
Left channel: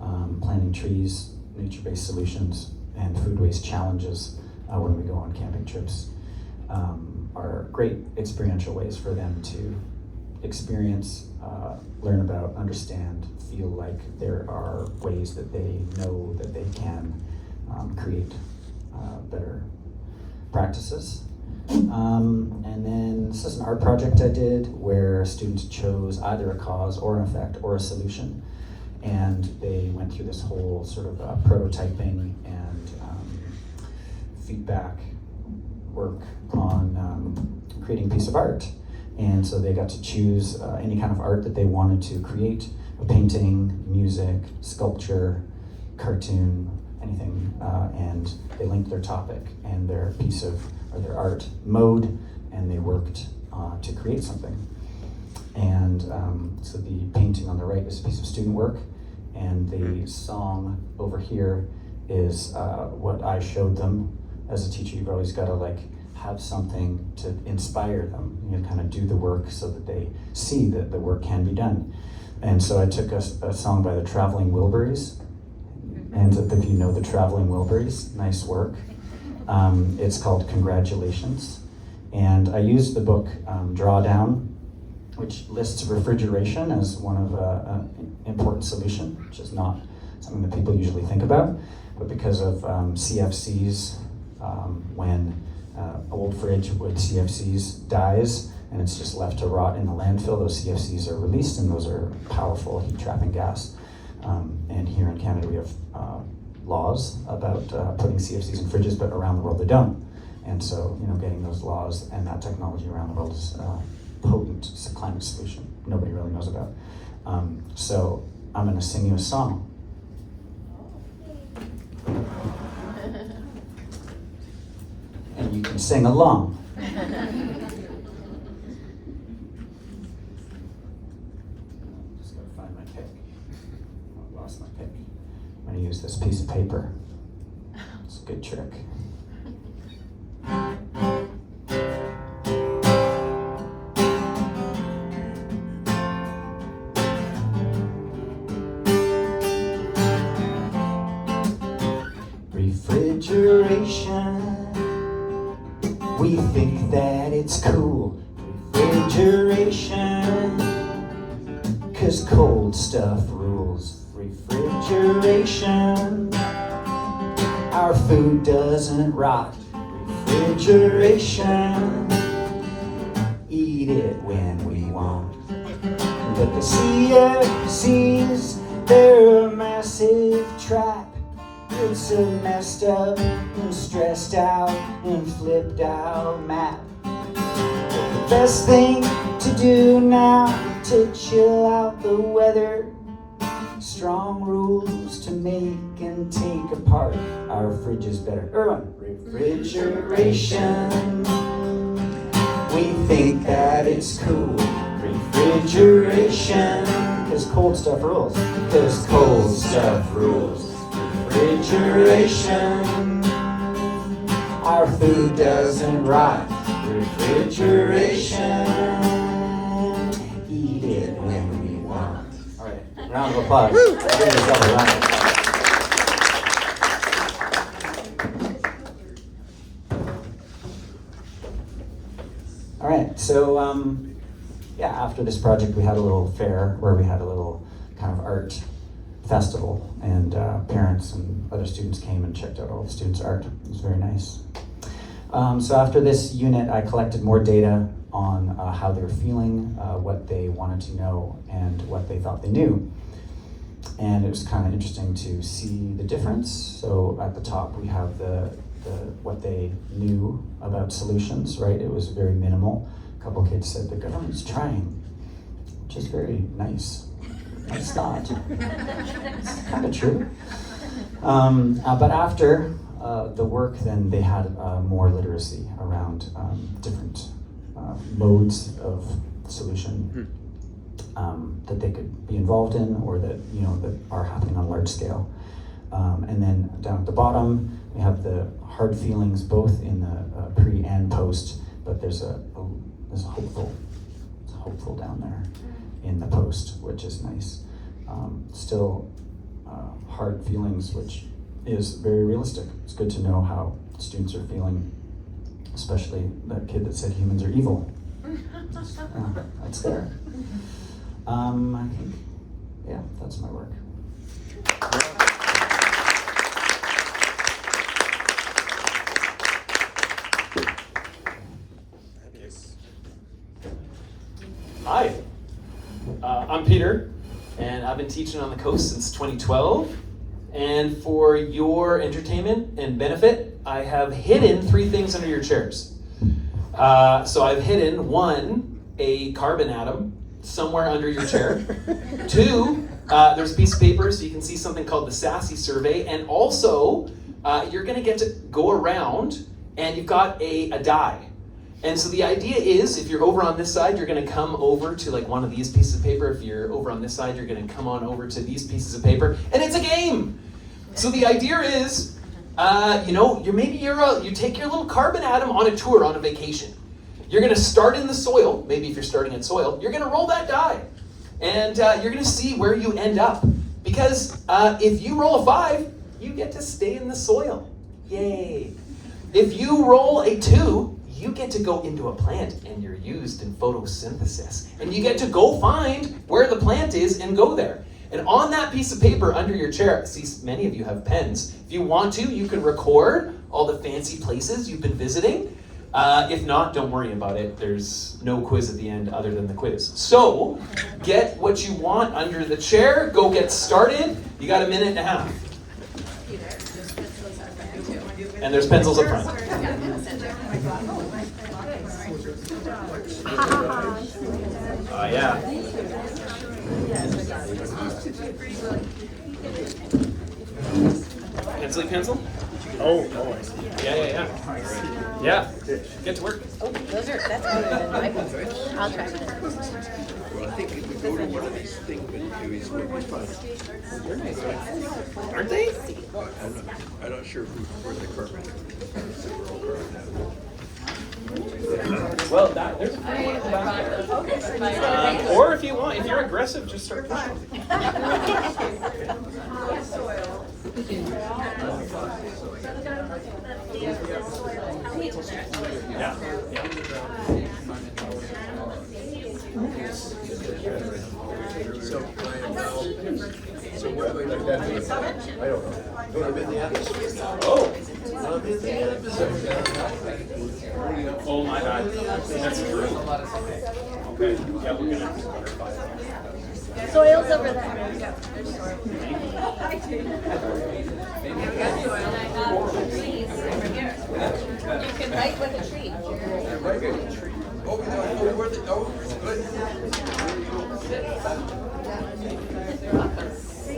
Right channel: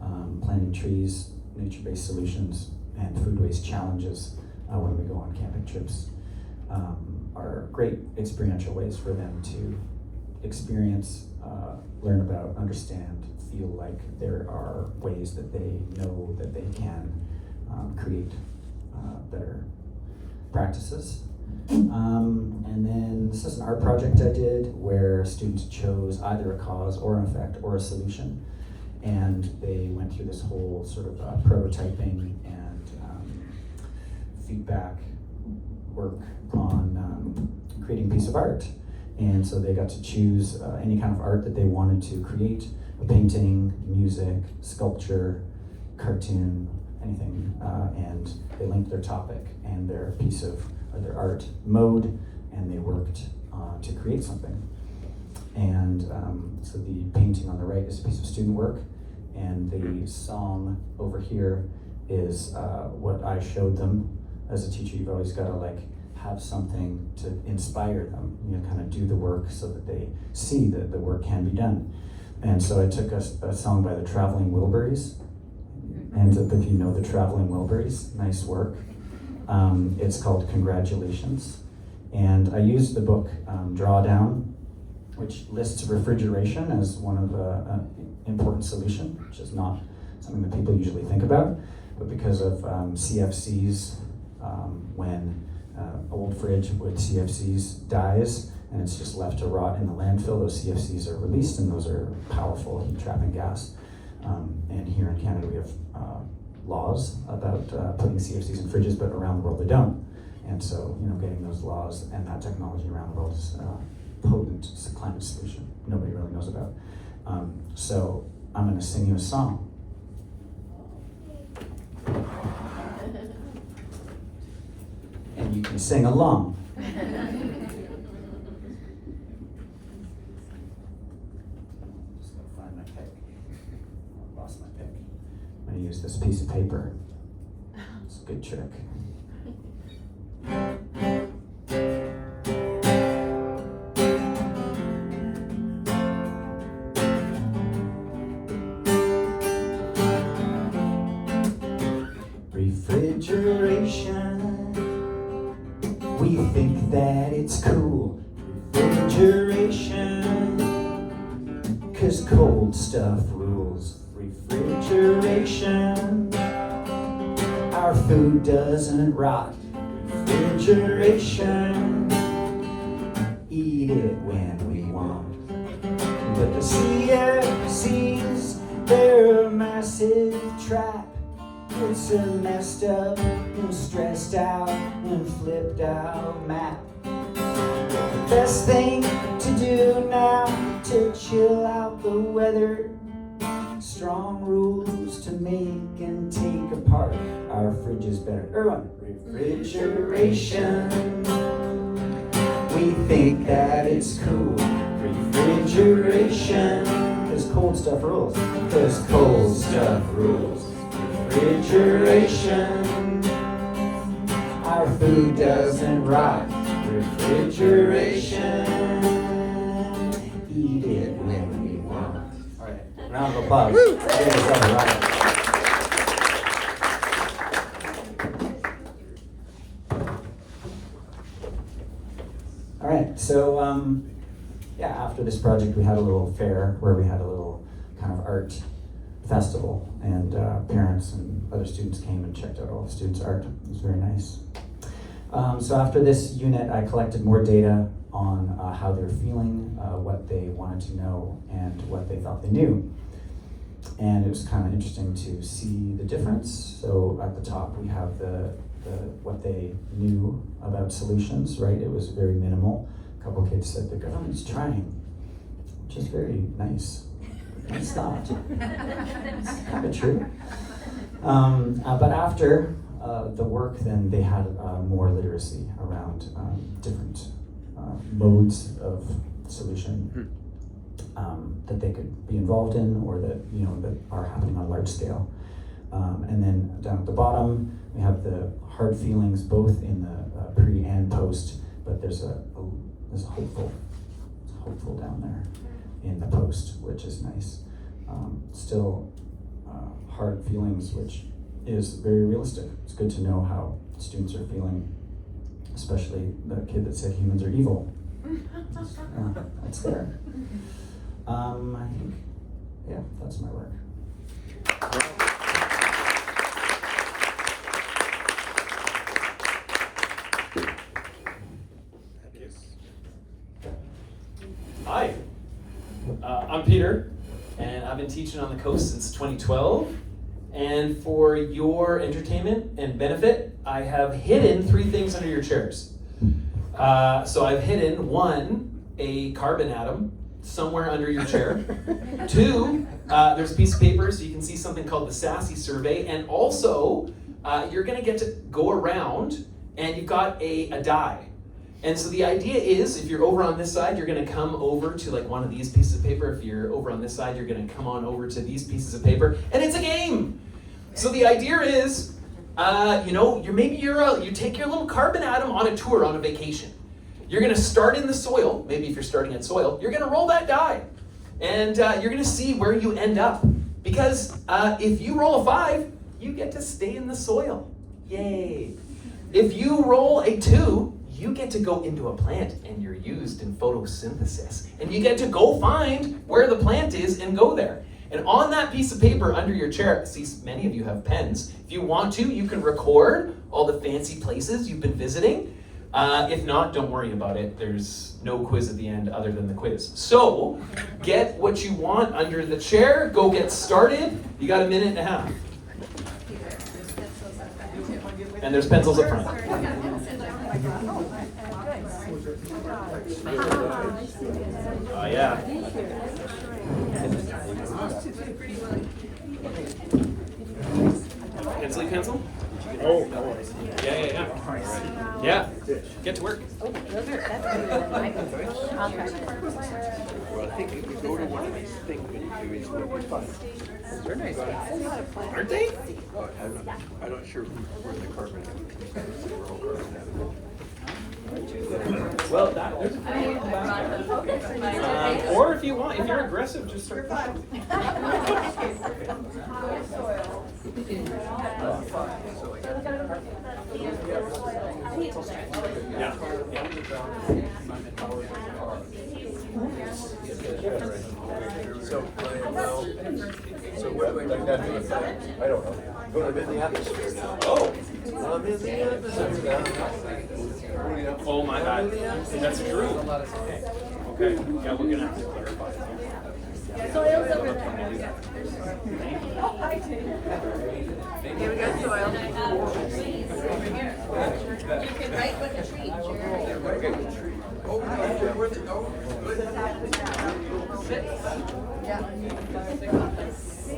Planting trees nature-based solutions and food waste challenges when we go on camping trips are great experiential ways for them to experience, learn about, understand, feel like there are ways that they know that they can create better practices. And then this is an art project I did where students chose either a cause or an effect or a solution. And they went through this whole sort of prototyping and feedback work on creating a piece of art. And so they got to choose any kind of art that they wanted to create, a painting, music, sculpture, cartoon, anything, and they linked their topic and their piece of, or their art mode, and they worked to create something. And so the painting on the right is a piece of student work, and the song over here is what I showed them. As a teacher, you've always got to like have something to inspire them. You kind of do the work so that they see that the work can be done. And so I took a song by the Traveling Wilburys. And if you know the Traveling Wilburys, nice work. It's called Congratulations. And I used the book Drawdown, which lists refrigeration as one of an important solution, which is not something that people usually think about. But because of CFCs, when old fridge with CFCs dies and it's just left to rot in the landfill, those CFCs are released, and those are powerful heat trapping gas. And here in Canada we have laws about putting CFCs in fridges, but around the world they don't. And so, getting those laws and that technology around the world is a potent climate solution nobody really knows about. So I'm going to sing you a song. And you can sing along. Just gotta find my pick. I lost my pick. I'm gonna use this piece of paper. It's a good trick. Refrigeration. We think that it's cool, refrigeration, 'cause cold stuff rules. Refrigeration, our food doesn't rot. Refrigeration, eat it when we want. But the CFCs, they're a massive trap. It's a messed up and stressed out and flipped out map. The best thing to do now to chill out the weather, strong rules to make and take apart our fridges better. Erwin, refrigeration. We think that it's cool. Refrigeration, 'cause cold stuff rules. 'Cause cold stuff rules. Refrigeration, our food doesn't rot. Refrigeration, eat it when we want. All right, round of applause. All right, so after this project, we had a little fair where we had a little kind of art festival, and parents and other students came and checked out all the students' art. It was very nice. So after this unit, I collected more data on how they were feeling, what they wanted to know, and what they thought they knew. And it was kind of interesting to see the difference. So at the top, we have the what they knew about solutions, right? It was very minimal. A couple kids said the government's trying, which is very nice. It's not. It's kind of true. But after the work, then they had more literacy around different modes of solution that they could be involved in, or that that are happening on a large scale. And then down at the bottom, we have the hard feelings, both in the pre and post. But there's a hopeful down there in the post, which is nice. Still hard feelings, which is very realistic. It's good to know how students are feeling, especially that kid that said humans are evil. That's there. I think, yeah, that's my work. Hi, I'm Peter, and I've been teaching on the coast since 2012. And for your entertainment and benefit, I have hidden 3 things under your chairs. So I've hidden 1, a carbon atom somewhere under your chair. 2, there's a piece of paper so you can see something called the SASE survey. And also, you're gonna get to go around and you've got a die. And so the idea is, if you're over on this side, you're gonna come over to like one of these pieces of paper. If you're over on this side, you're gonna come on over to these pieces of paper, and it's a game. So the idea is, you take your little carbon atom on a tour, on a vacation. You're gonna start in the soil, maybe if you're starting in soil, you're gonna roll that die. And you're gonna see where you end up. Because if you roll a 5, you get to stay in the soil. Yay. If you roll a 2, you get to go into a plant and you're used in photosynthesis. And you get to go find where the plant is and go there. And on that piece of paper under your chair, I see many of you have pens. If you want to, you can record all the fancy places you've been visiting. If not, don't worry about it. There's no quiz at the end other than the quiz. So, get what you want under the chair. Go get started. You got 1.5 minutes. And there's pencils up front. Yeah. Pencil, pencil? Oh, I see. Yeah. Yeah. Get to work. Well, I think if we go to one of these things, we'll be fine. They're nice. Aren't they? I'm not sure where the carbon is. We're all carbon atoms. Well, there's a few back there. Or if you want, if you're aggressive, just start pushing. Yeah. Oh. Oh my God, that's true. Okay, yeah, we're gonna have to clarify it. Soil's over there. Here we got soil. You can write with a tree.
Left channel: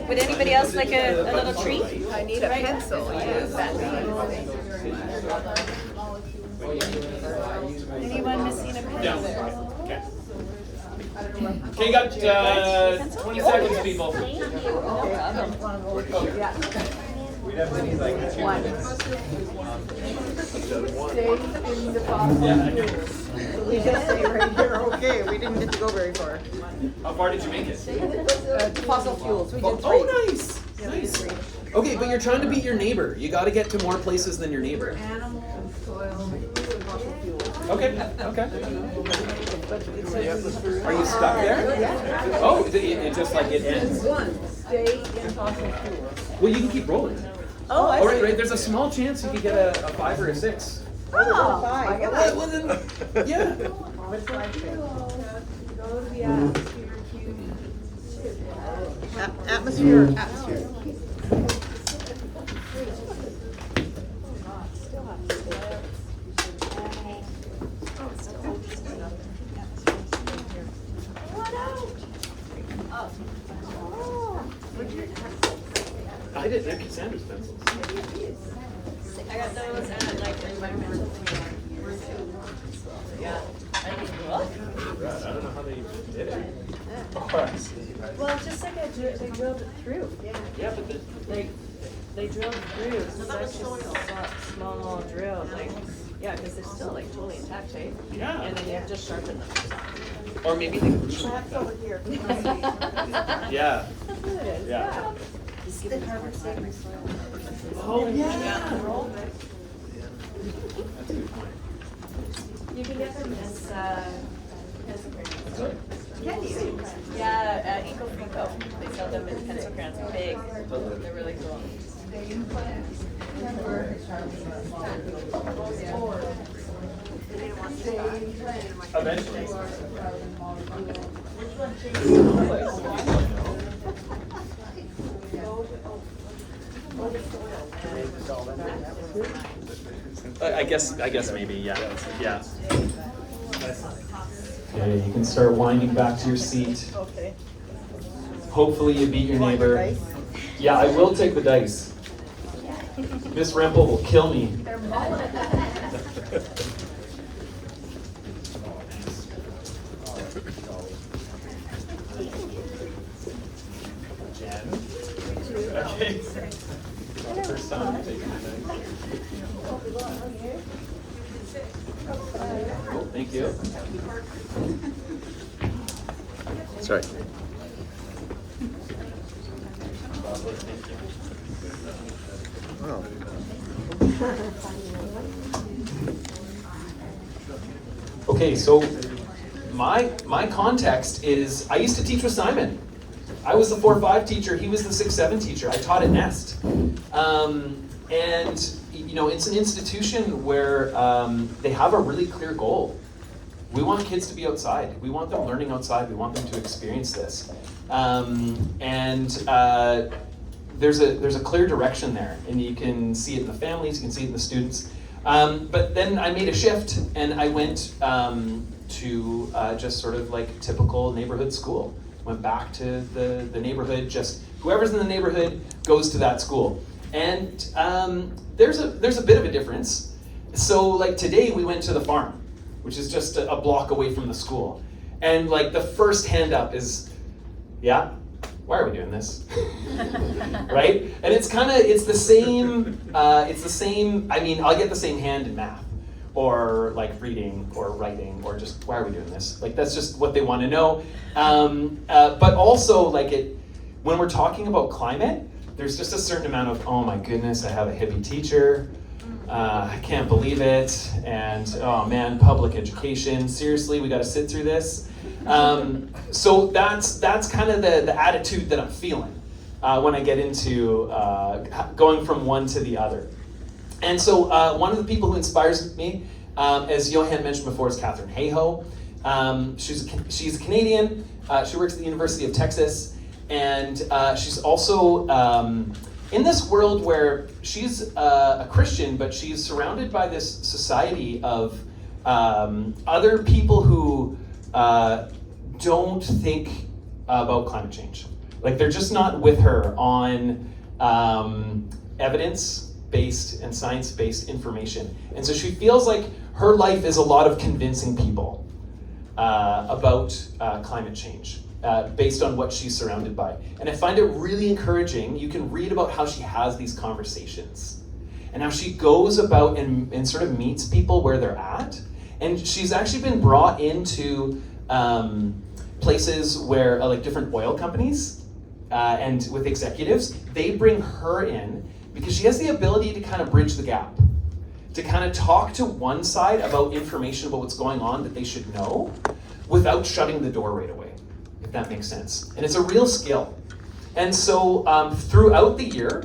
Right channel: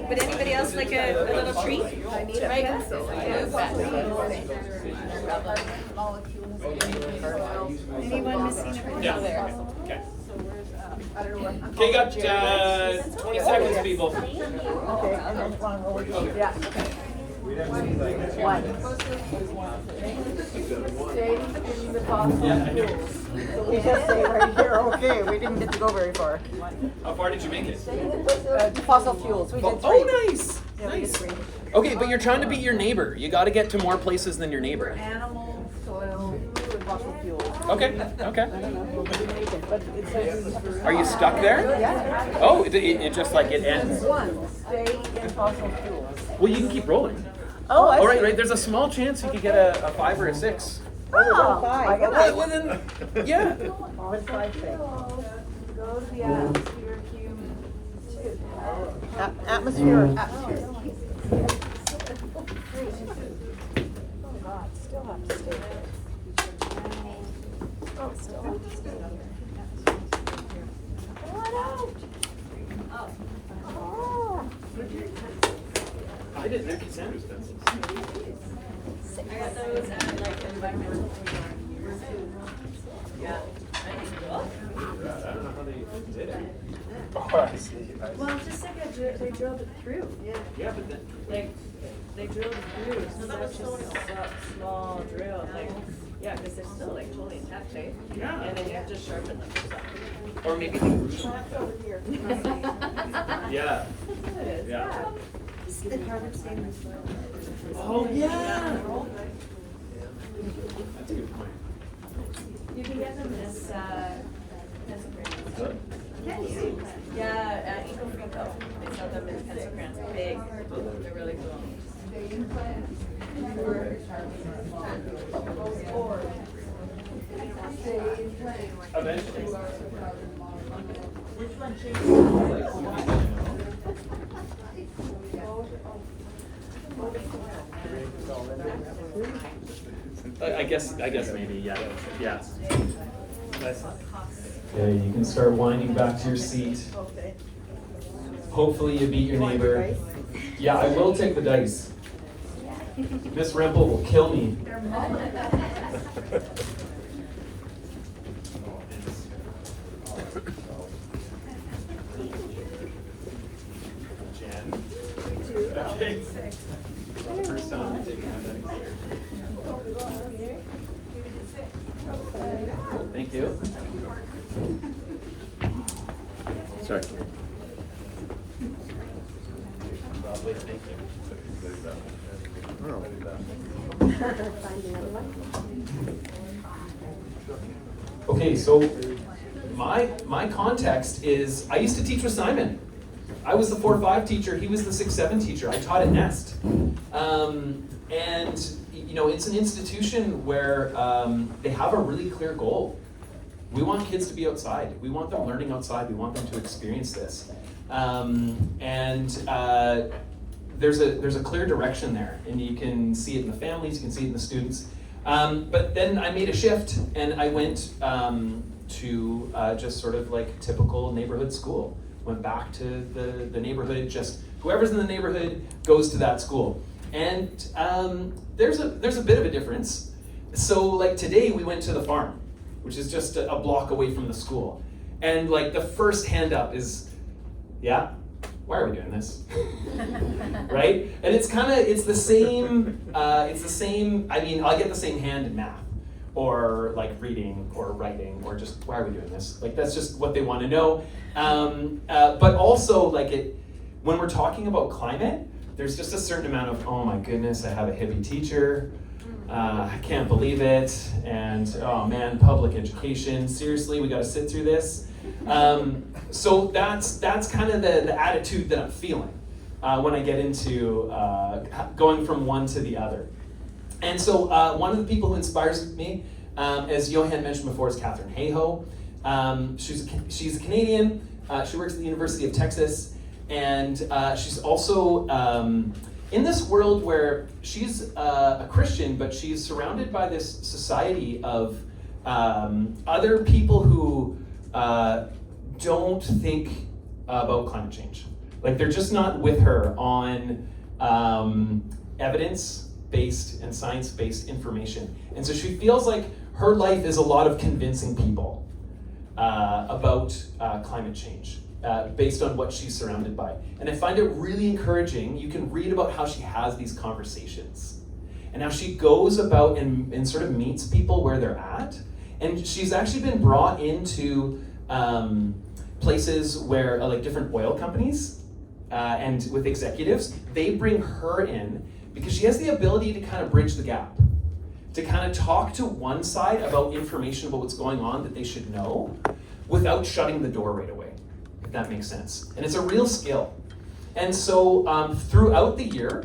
Would anybody else like a little treat? I need a pencil. Anyone missing a pencil Yeah. there? Okay. Okay, you got 20 seconds, people. We just stay right here, okay, we didn't get to go very far. How far did you make it? Fossil fuels, we did Oh, nice. Nice. Okay, but you're trying to beat your neighbor. You got to get to more places than your neighbor. Animal, soil, fossil fuels. Okay. Okay. But it says Are you stuck there? Oh, it just like it ends. stay in fossil fuels. Well, you can keep rolling. Oh, I All right. There's a small chance you could get a 5 or a 6. Oh, I got Well, that. well, then, yeah. What's my pick? Atmosphere. I didn't know Cassandra's pencils. I got those and like I don't know how they did it. well, just like they drilled it through. Yeah, but then. They drilled through such a small drill. Like, yeah, because they're still like totally intact, eh? Yeah. And then you just sharpen them. Or maybe they grew them. Yeah. Look at it. Yeah. The carbon stay in the soil. Oh, yeah. That's a good point. You can get them as, What's that? can you? Yeah, at Eco Frico, they sell them in pencil crayons, big, they're really cool. Eventually. I guess maybe, yeah. Okay, you can start winding back to your seat. Okay. Hopefully you beat your neighbor. Yeah, I will take the dice. Miss Rempel will kill me. Jen? Okay. First time I'm taking my dice. Oh, thank you. Sorry. Wow. Okay, so my context is I used to teach with Simon. I was the 4-5 teacher, he was the 6-7 teacher. I taught at Nest. And you know, it's an institution where they have a really clear goal. We want kids to be outside. We want them learning outside. We want them to experience this. There's a clear direction there, and you can see it in the families, you can see it in the students. But then I made a shift, and I went to just sort of like typical neighborhood school. Went back to the neighborhood, just whoever's in the neighborhood goes to that school. And there's a bit of a difference. So like today we went to the farm, which is just a block away from the school. And like the first hand up is, yeah, why are we doing this? Right? And it's the same, I mean, I'll get the same hand in math, or like reading or writing, or just, why are we doing this? Like that's just what they want to know. But also like when we're talking about climate, there's just a certain amount of, oh my goodness, I have a hippie teacher. I can't believe it. And oh man, public education. Seriously, we got to sit through this. So that's kind of the attitude that I'm feeling when I get into going from one to the other. And so one of the people who inspires me, as Johan mentioned before, is Katherine Hayhoe. She's a Canadian. She works at the University of Texas. And she's also in this world where she's a Christian, but she's surrounded by this society of other people who don't think about climate change. Like they're just not with her on evidence-based and science-based information. And so she feels like her life is a lot of convincing people about climate change. Based on what she's surrounded by. And I find it really encouraging. You can read about how she has these conversations and how she goes about and sort of meets people where they're at. And she's actually been brought into places where like different oil companies and with executives, they bring her in because she has the ability to kind of bridge the gap, to kind of talk to one side about information about what's going on that they should know without shutting the door right away. If that makes sense. And it's a real skill. And so throughout the year,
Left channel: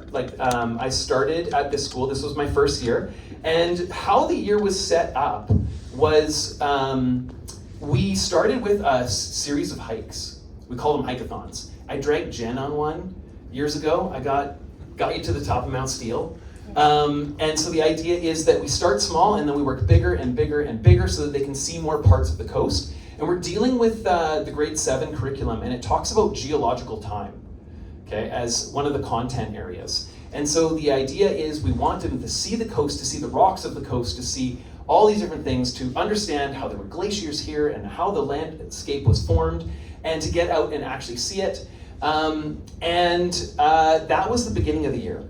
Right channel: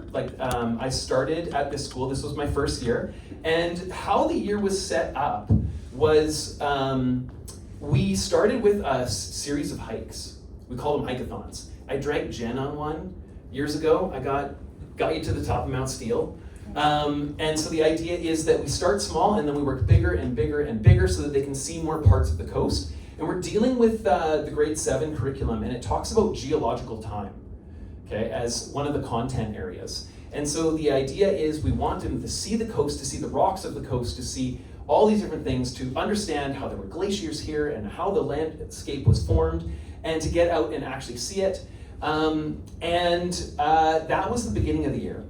I started at this school, this was my first year, and how the year was set up was we started with a series of hikes. We call them hike-a-thons. I dragged Jen on one years ago. I got you to the top of Mount Steele. And so the idea is that we start small and then we work bigger and bigger and bigger so that they can see more parts of the coast. And we're dealing with the grade 7 curriculum, and it talks about geological time, okay, as one of the content areas. And so the idea is we want them to see the coast, to see the rocks of the coast, to see all these different things, to understand how there were glaciers here and how the landscape was formed, and to get out and actually see it. That was the beginning of the year.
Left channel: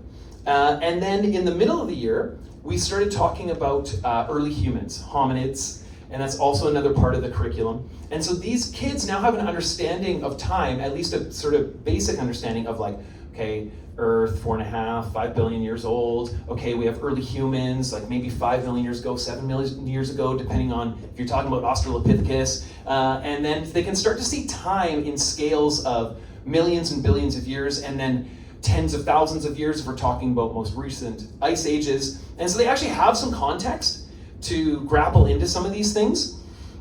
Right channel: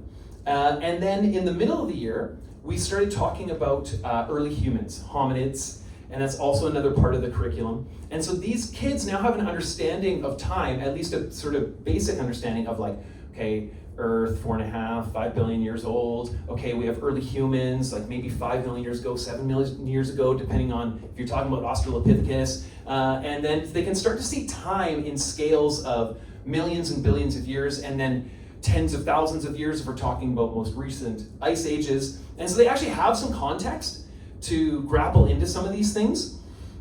And then in the middle of the year, we started talking about early humans, hominids, and that's also another part of the curriculum. And so these kids now have an understanding of time, at least a sort of basic understanding of like, Okay, Earth, 4.5, 5 billion years old. Okay, we have early humans, like maybe 5 million years ago, 7 million years ago, depending on if you're talking about Australopithecus. And then they can start to see time in scales of millions and billions of years, and then tens of thousands of years if we're talking about most recent ice ages. And so they actually have some context to grapple into some of these things.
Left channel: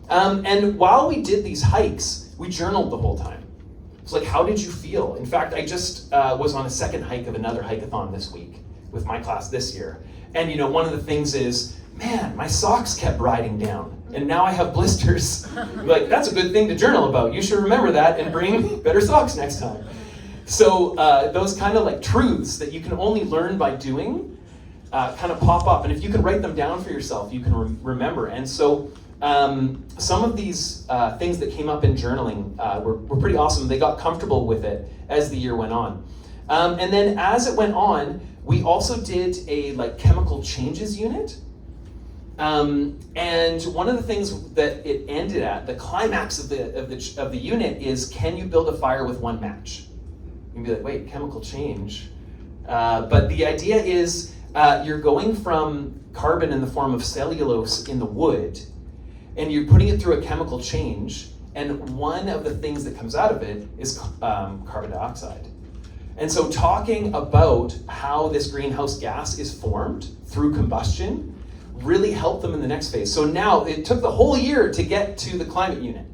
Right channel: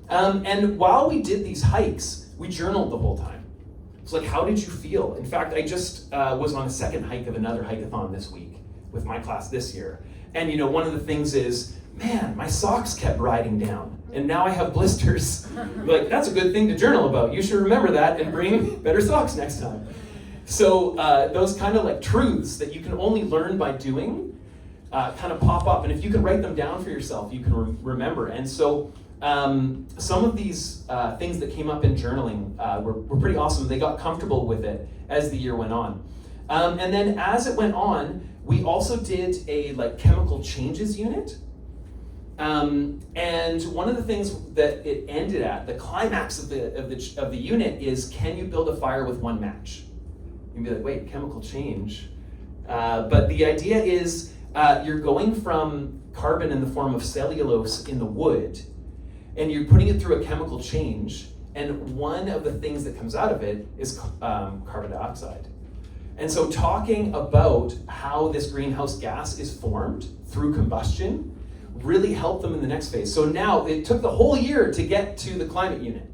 And while we did these hikes, we journaled the whole time. It's like, how did you feel? In fact, I just was on a second hike of another hike-a-thon this week with my class this year. And you know, one of the things is, man, my socks kept riding down and now I have blisters. Like, that's a good thing to journal about. You should remember that and bring better socks next time. So those kind of like truths that you can only learn by doing kind of pop up. And if you can write them down for yourself, you can remember. And so some of these things that came up in journaling were pretty awesome. They got comfortable with it as the year went on. And then as it went on, we also did a like chemical changes unit. And one of the things that it ended at, the climax of the unit is, can you build a fire with one match? You'd be like, wait, chemical change. But the idea is you're going from carbon in the form of cellulose in the wood, and you're putting it through a chemical change, and one of the things that comes out of it is carbon dioxide. And so talking about how this greenhouse gas is formed through combustion really helped them in the next phase. So now it took the whole year to get to the climate unit,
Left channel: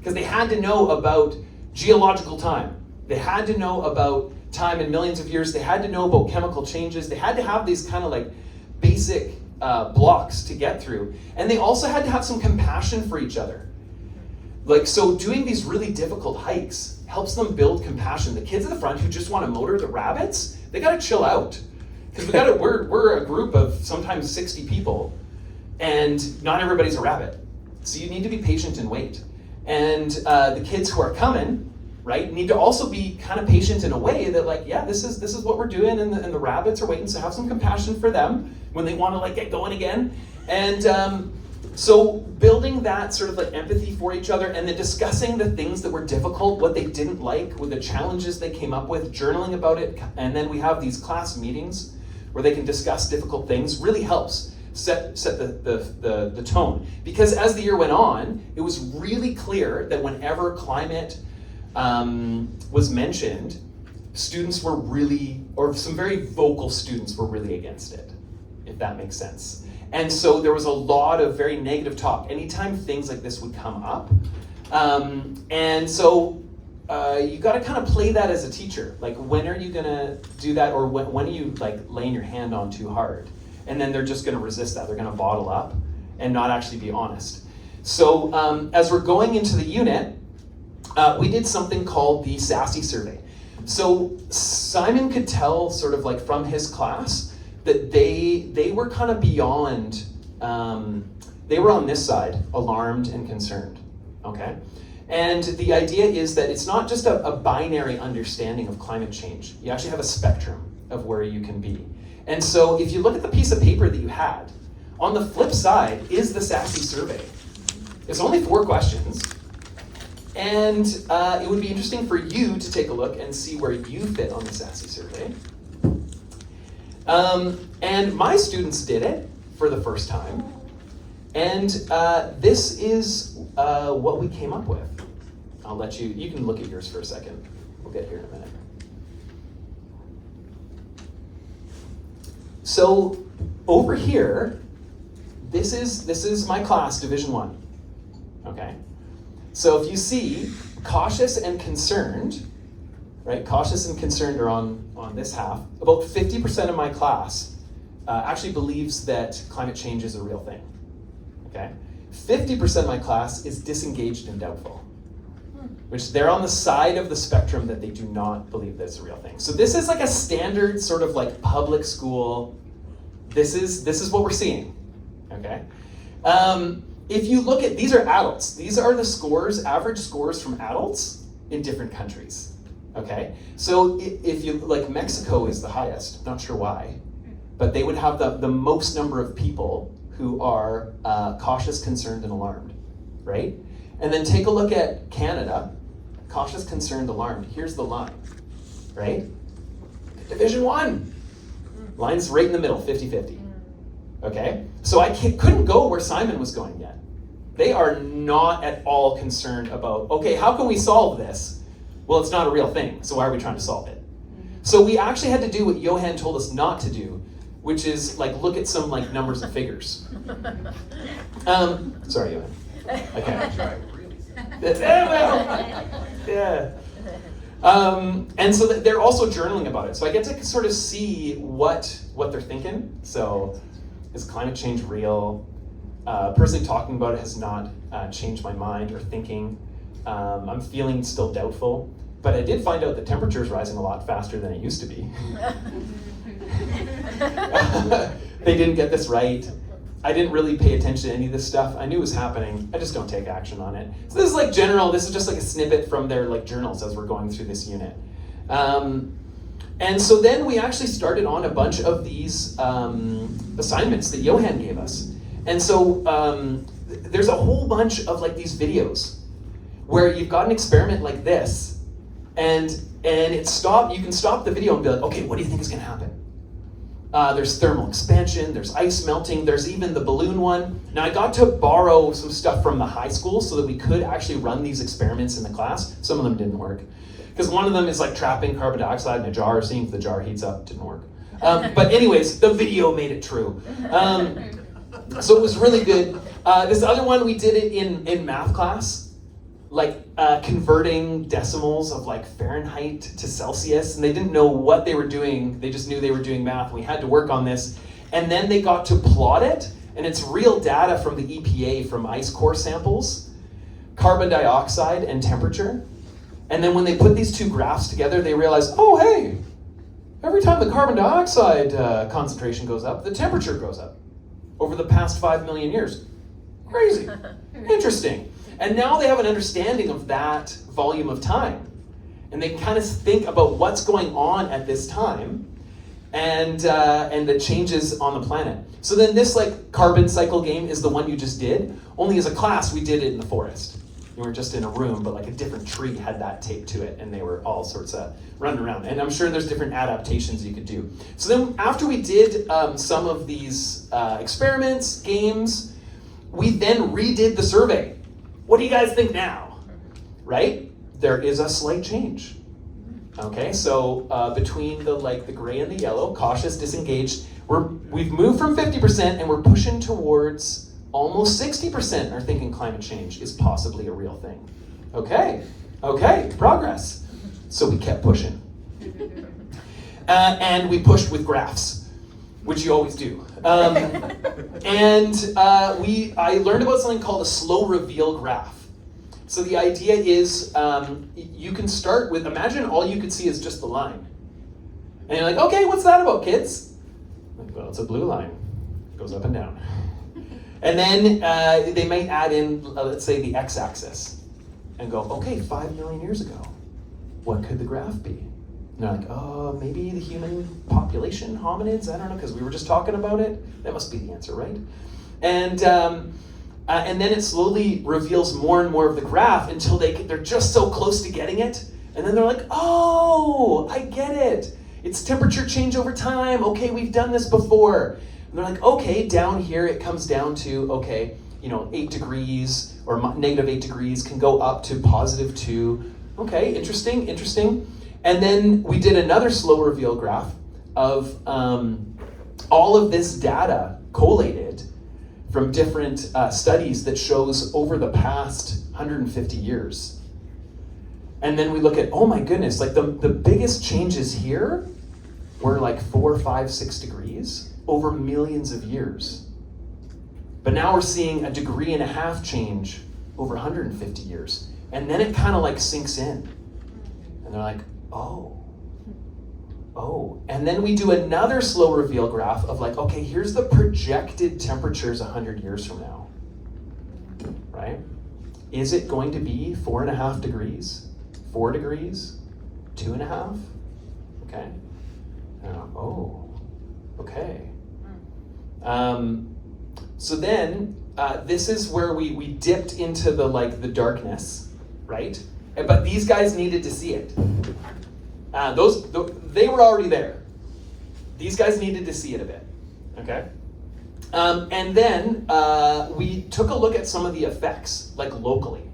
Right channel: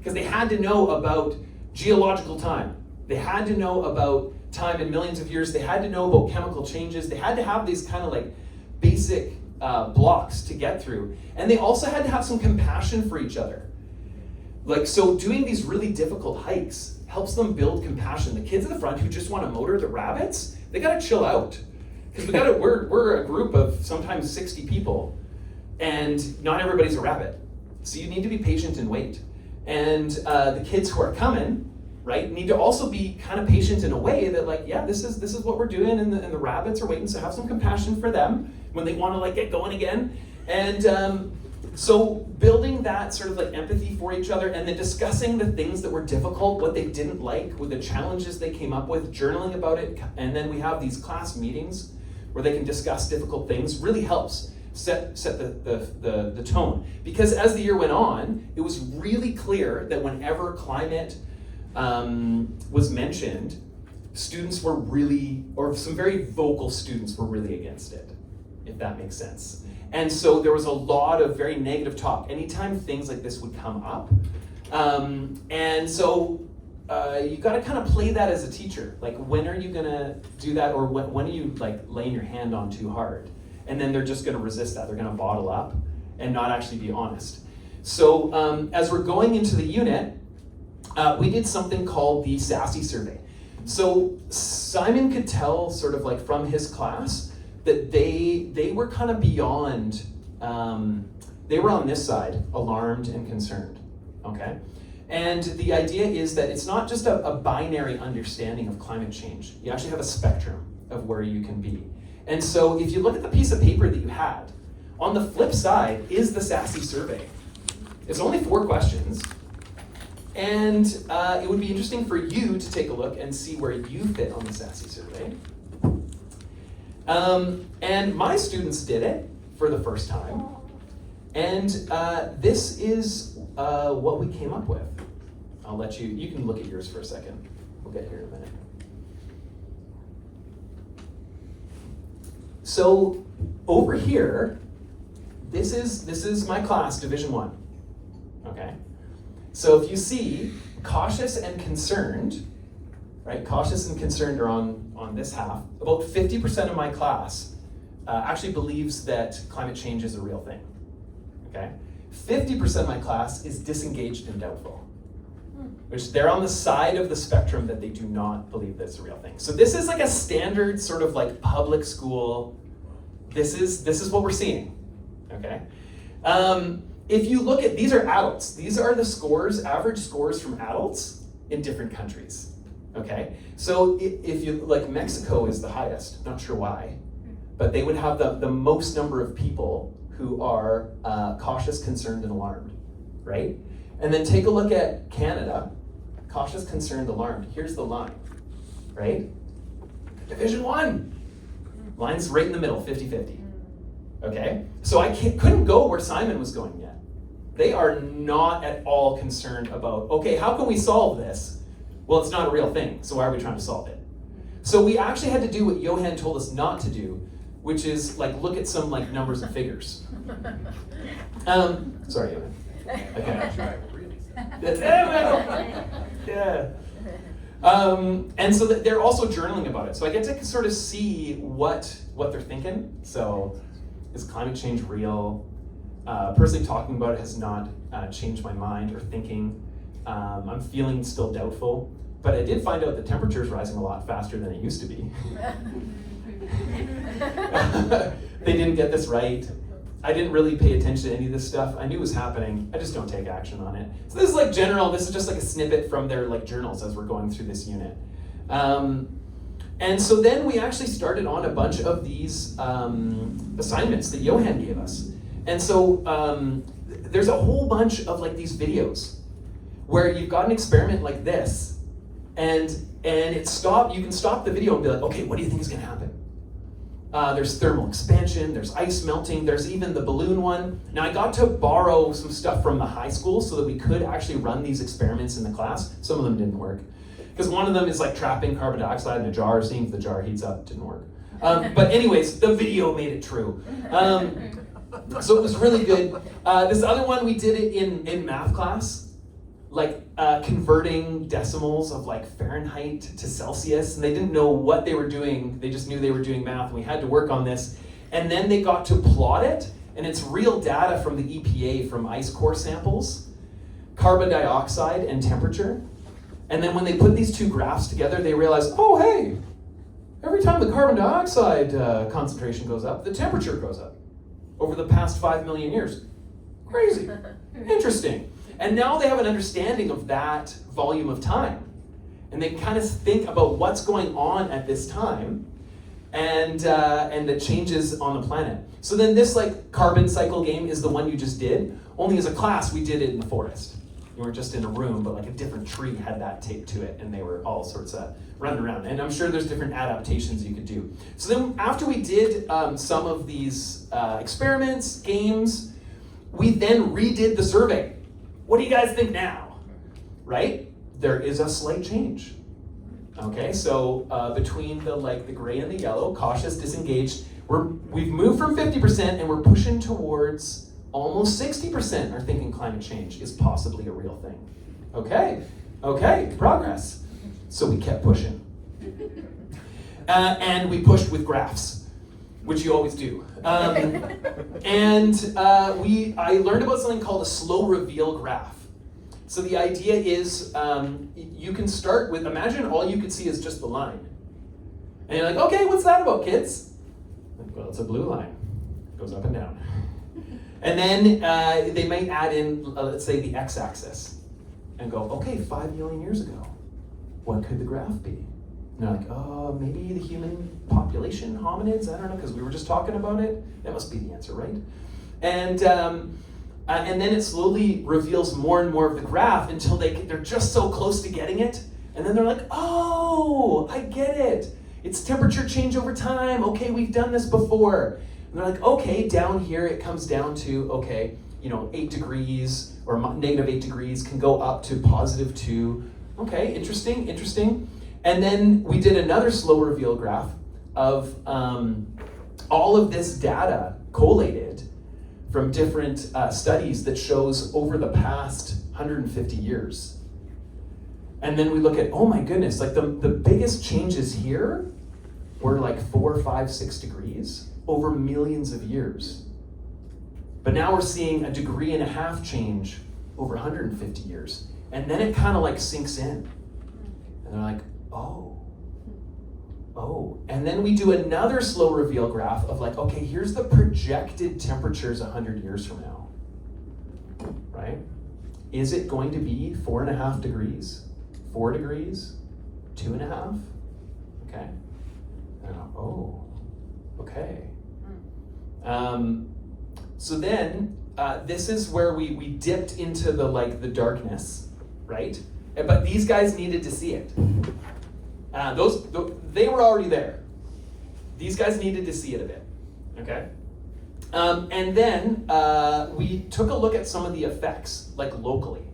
because they had to know about geological time. They had to know about time in millions of years. They had to know about chemical changes. They had to have these kind of like basic blocks to get through. And they also had to have some compassion for each other. Like, so doing these really difficult hikes helps them build compassion. The kids at the front who just want to motor the rabbits, they got to chill out. Because we're a group of sometimes 60 people, and not everybody's a rabbit. So you need to be patient and wait. And the kids who are coming, right, need to also be kind of patient in a way that, like, yeah, this is what we're doing, and the rabbits are waiting, so have some compassion for them when they want to like get going again. And so building that sort of like empathy for each other, and then discussing the things that were difficult, what they didn't like, with the challenges they came up with, journaling about it, and then we have these class meetings where they can discuss difficult things, really helps set the tone. Because as the year went on, it was really clear that whenever climate was mentioned, students were really, or some very vocal students were really against it, if that makes sense. And so there was a lot of very negative talk anytime things like this would come up. And so you got to kind of play that as a teacher. Like, when are you going to do that, or when are you like laying your hand on too hard? And then they're just going to resist that. They're going to bottle up and not actually be honest. So as we're going into the unit, we did something called the SASSY survey. So Simon could tell sort of like from his class that they were kind of beyond, they were on this side, alarmed and concerned, okay? And the idea is that it's not just a binary understanding of climate change. You actually have a spectrum of where you can be. And so if you look at the piece of paper that you had, on the flip side is the SASSY survey. It's only 4 questions. And it would be interesting for you to take a look and see where you fit on the SASSY survey. And my students did it for the first time. And this is what we came up with. I'll let you can look at yours for a second. We'll get here in a minute. So over here, this is my class, Division 1, okay? So if you see cautious and concerned, right? Cautious and concerned are on this half. About 50% of my class actually believes that climate change is a real thing, okay? 50% of my class is disengaged and doubtful, which they're on the side of the spectrum that they do not believe that's a real thing. So this is like a standard sort of like public school, this is what we're seeing, okay? If you look at, these are adults. These are the scores, average scores from adults in different countries, okay? So if you, like Mexico is the highest, not sure why, but they would have the most number of people who are cautious, concerned, and alarmed, right? And then take a look at Canada, cautious, concerned, alarmed. Here's the line, right? Division 1. Line's right in the middle, 50-50. Okay? So I couldn't go where Simon was going yet. They are not at all concerned about, okay, how can we solve this? Well, it's not a real thing, so why are we trying to solve it? So we actually had to do what Johan told us not to do, which is like look at some like numbers and figures. Sorry, Johan. Okay. Yeah. And so they're also journaling about it. So I get to sort of see what they're thinking. So is climate change real? Personally talking about it has not changed my mind or thinking. I'm feeling still doubtful, but I did find out the temperature is rising a lot faster than it used to be. They didn't get this right. I didn't really pay attention to any of this stuff. I knew it was happening. I just don't take action on it. So this is like general. This is just like a snippet from their like journals as we're going through this unit. And so then we actually started on a bunch of these assignments that Johan gave us. And so there's a whole bunch of like these videos where you've got an experiment like this, and you can stop the video and be like, okay, what do you think is gonna happen? There's thermal expansion, there's ice melting, there's even the balloon one. Now I got to borrow some stuff from the high school so that we could actually run these experiments in the class. Some of them didn't work. Because one of them is like trapping carbon dioxide in a jar, seeing if the jar heats up, didn't work. But anyways, the video made it true. So it was really good. This other one, we did it in math class, like converting decimals of like Fahrenheit to Celsius, and they didn't know what they were doing. They just knew they were doing math. We had to work on this. And then they got to plot it, and it's real data from the EPA from ice core samples, carbon dioxide and temperature. And then when they put these two graphs together, they realized, oh, hey, every time the carbon dioxide concentration goes up, the temperature goes up over the past 5 million years. Crazy. Interesting. And now they have an understanding of that volume of time. And they kind of think about what's going on at this time and the changes on the planet. So then this like carbon cycle game is the one you just did. Only as a class, we did it in the forest. We were just in a room, but like a different tree had that taped to it, and they were all sorts of running around. And I'm sure there's different adaptations you could do. So then after we did some of these experiments, games, we then redid the survey. What do you guys think now? Right? There is a slight change. Okay, so between the gray and the yellow, cautious, disengaged, we've moved from 50% and we're pushing towards almost 60% are thinking climate change is possibly a real thing. Okay, progress. So we kept pushing. And we pushed with graphs, which you always do. I learned about something called a slow reveal graph. So the idea is you can start with, imagine all you could see is just the line. And you're like, okay, what's that about, kids? Well, it's a blue line. It goes up and down. And then they might add in, let's say, the x-axis and go, okay, 5 million years ago, what could the graph be? And they're like, oh, maybe the human population, hominids, I don't know, because we were just talking about it. That must be the answer, right? And then it slowly reveals more and more of the graph until they're just so close to getting it. And then they're like, oh, I get it. It's temperature change over time. Okay, we've done this before. And they're like, okay, down here it comes down to, okay, 8 degrees or negative 8 degrees can go up to positive 2. Okay, interesting. And then we did another slow reveal graph of all of this data collated from different studies that shows over the past 150 years. And then we look at, oh my goodness, like the biggest changes here were like 4, 5, 6 degrees over millions of years. But now we're seeing 1.5 degrees change over 150 years. And then it kind of like sinks in. And they're like, oh. And then we do another slow reveal graph of like, okay, here's the projected temperatures 100 years from now, right? Is it going to be 4.5 degrees, 4 degrees, 2.5? Okay. Oh, okay. So then this is where we dipped into the darkness, right? But these guys needed to see it. They were already there. These guys needed to see it a bit, okay? And then we took a look at some of the effects, like locally.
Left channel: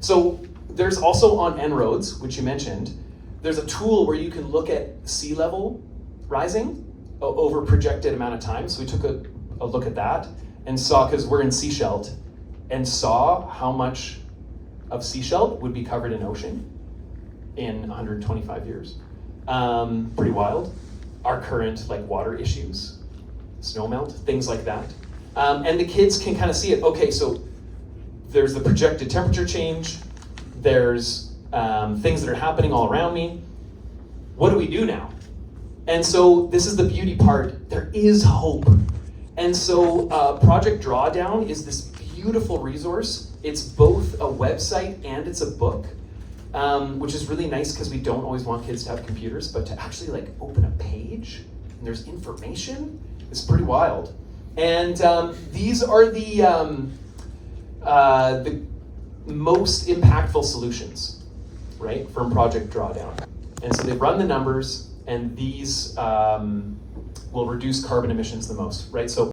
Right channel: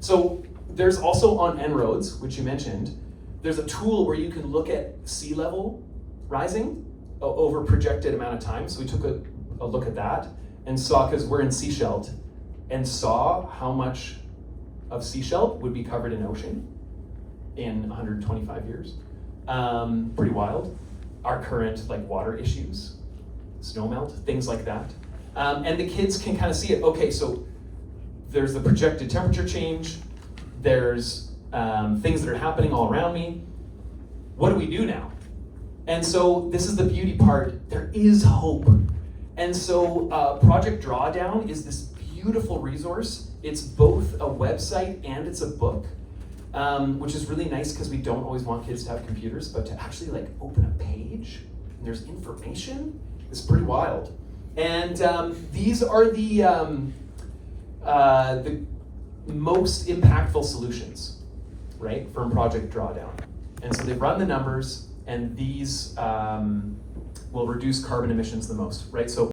So there's also on En-ROADS, which you mentioned, there's a tool where you can look at sea level rising over a projected amount of time. So we took a look at that and saw, because we're in Seasheld, and saw how much of Seasheld would be covered in ocean in 125 years. Pretty wild. Our current like water issues, snowmelt, things like that. And the kids can kind of see it. Okay, so there's the projected temperature change, there's things that are happening all around me. What do we do now? And so this is the beauty part, there is hope. And so Project Drawdown is this beautiful resource. It's both a website and it's a book, which is really nice because we don't always want kids to have computers, but to actually like open a page and there's information, it's pretty wild. And these are the most impactful solutions, right, from Project Drawdown. And so they've run the numbers, and these will reduce carbon emissions the most, right? So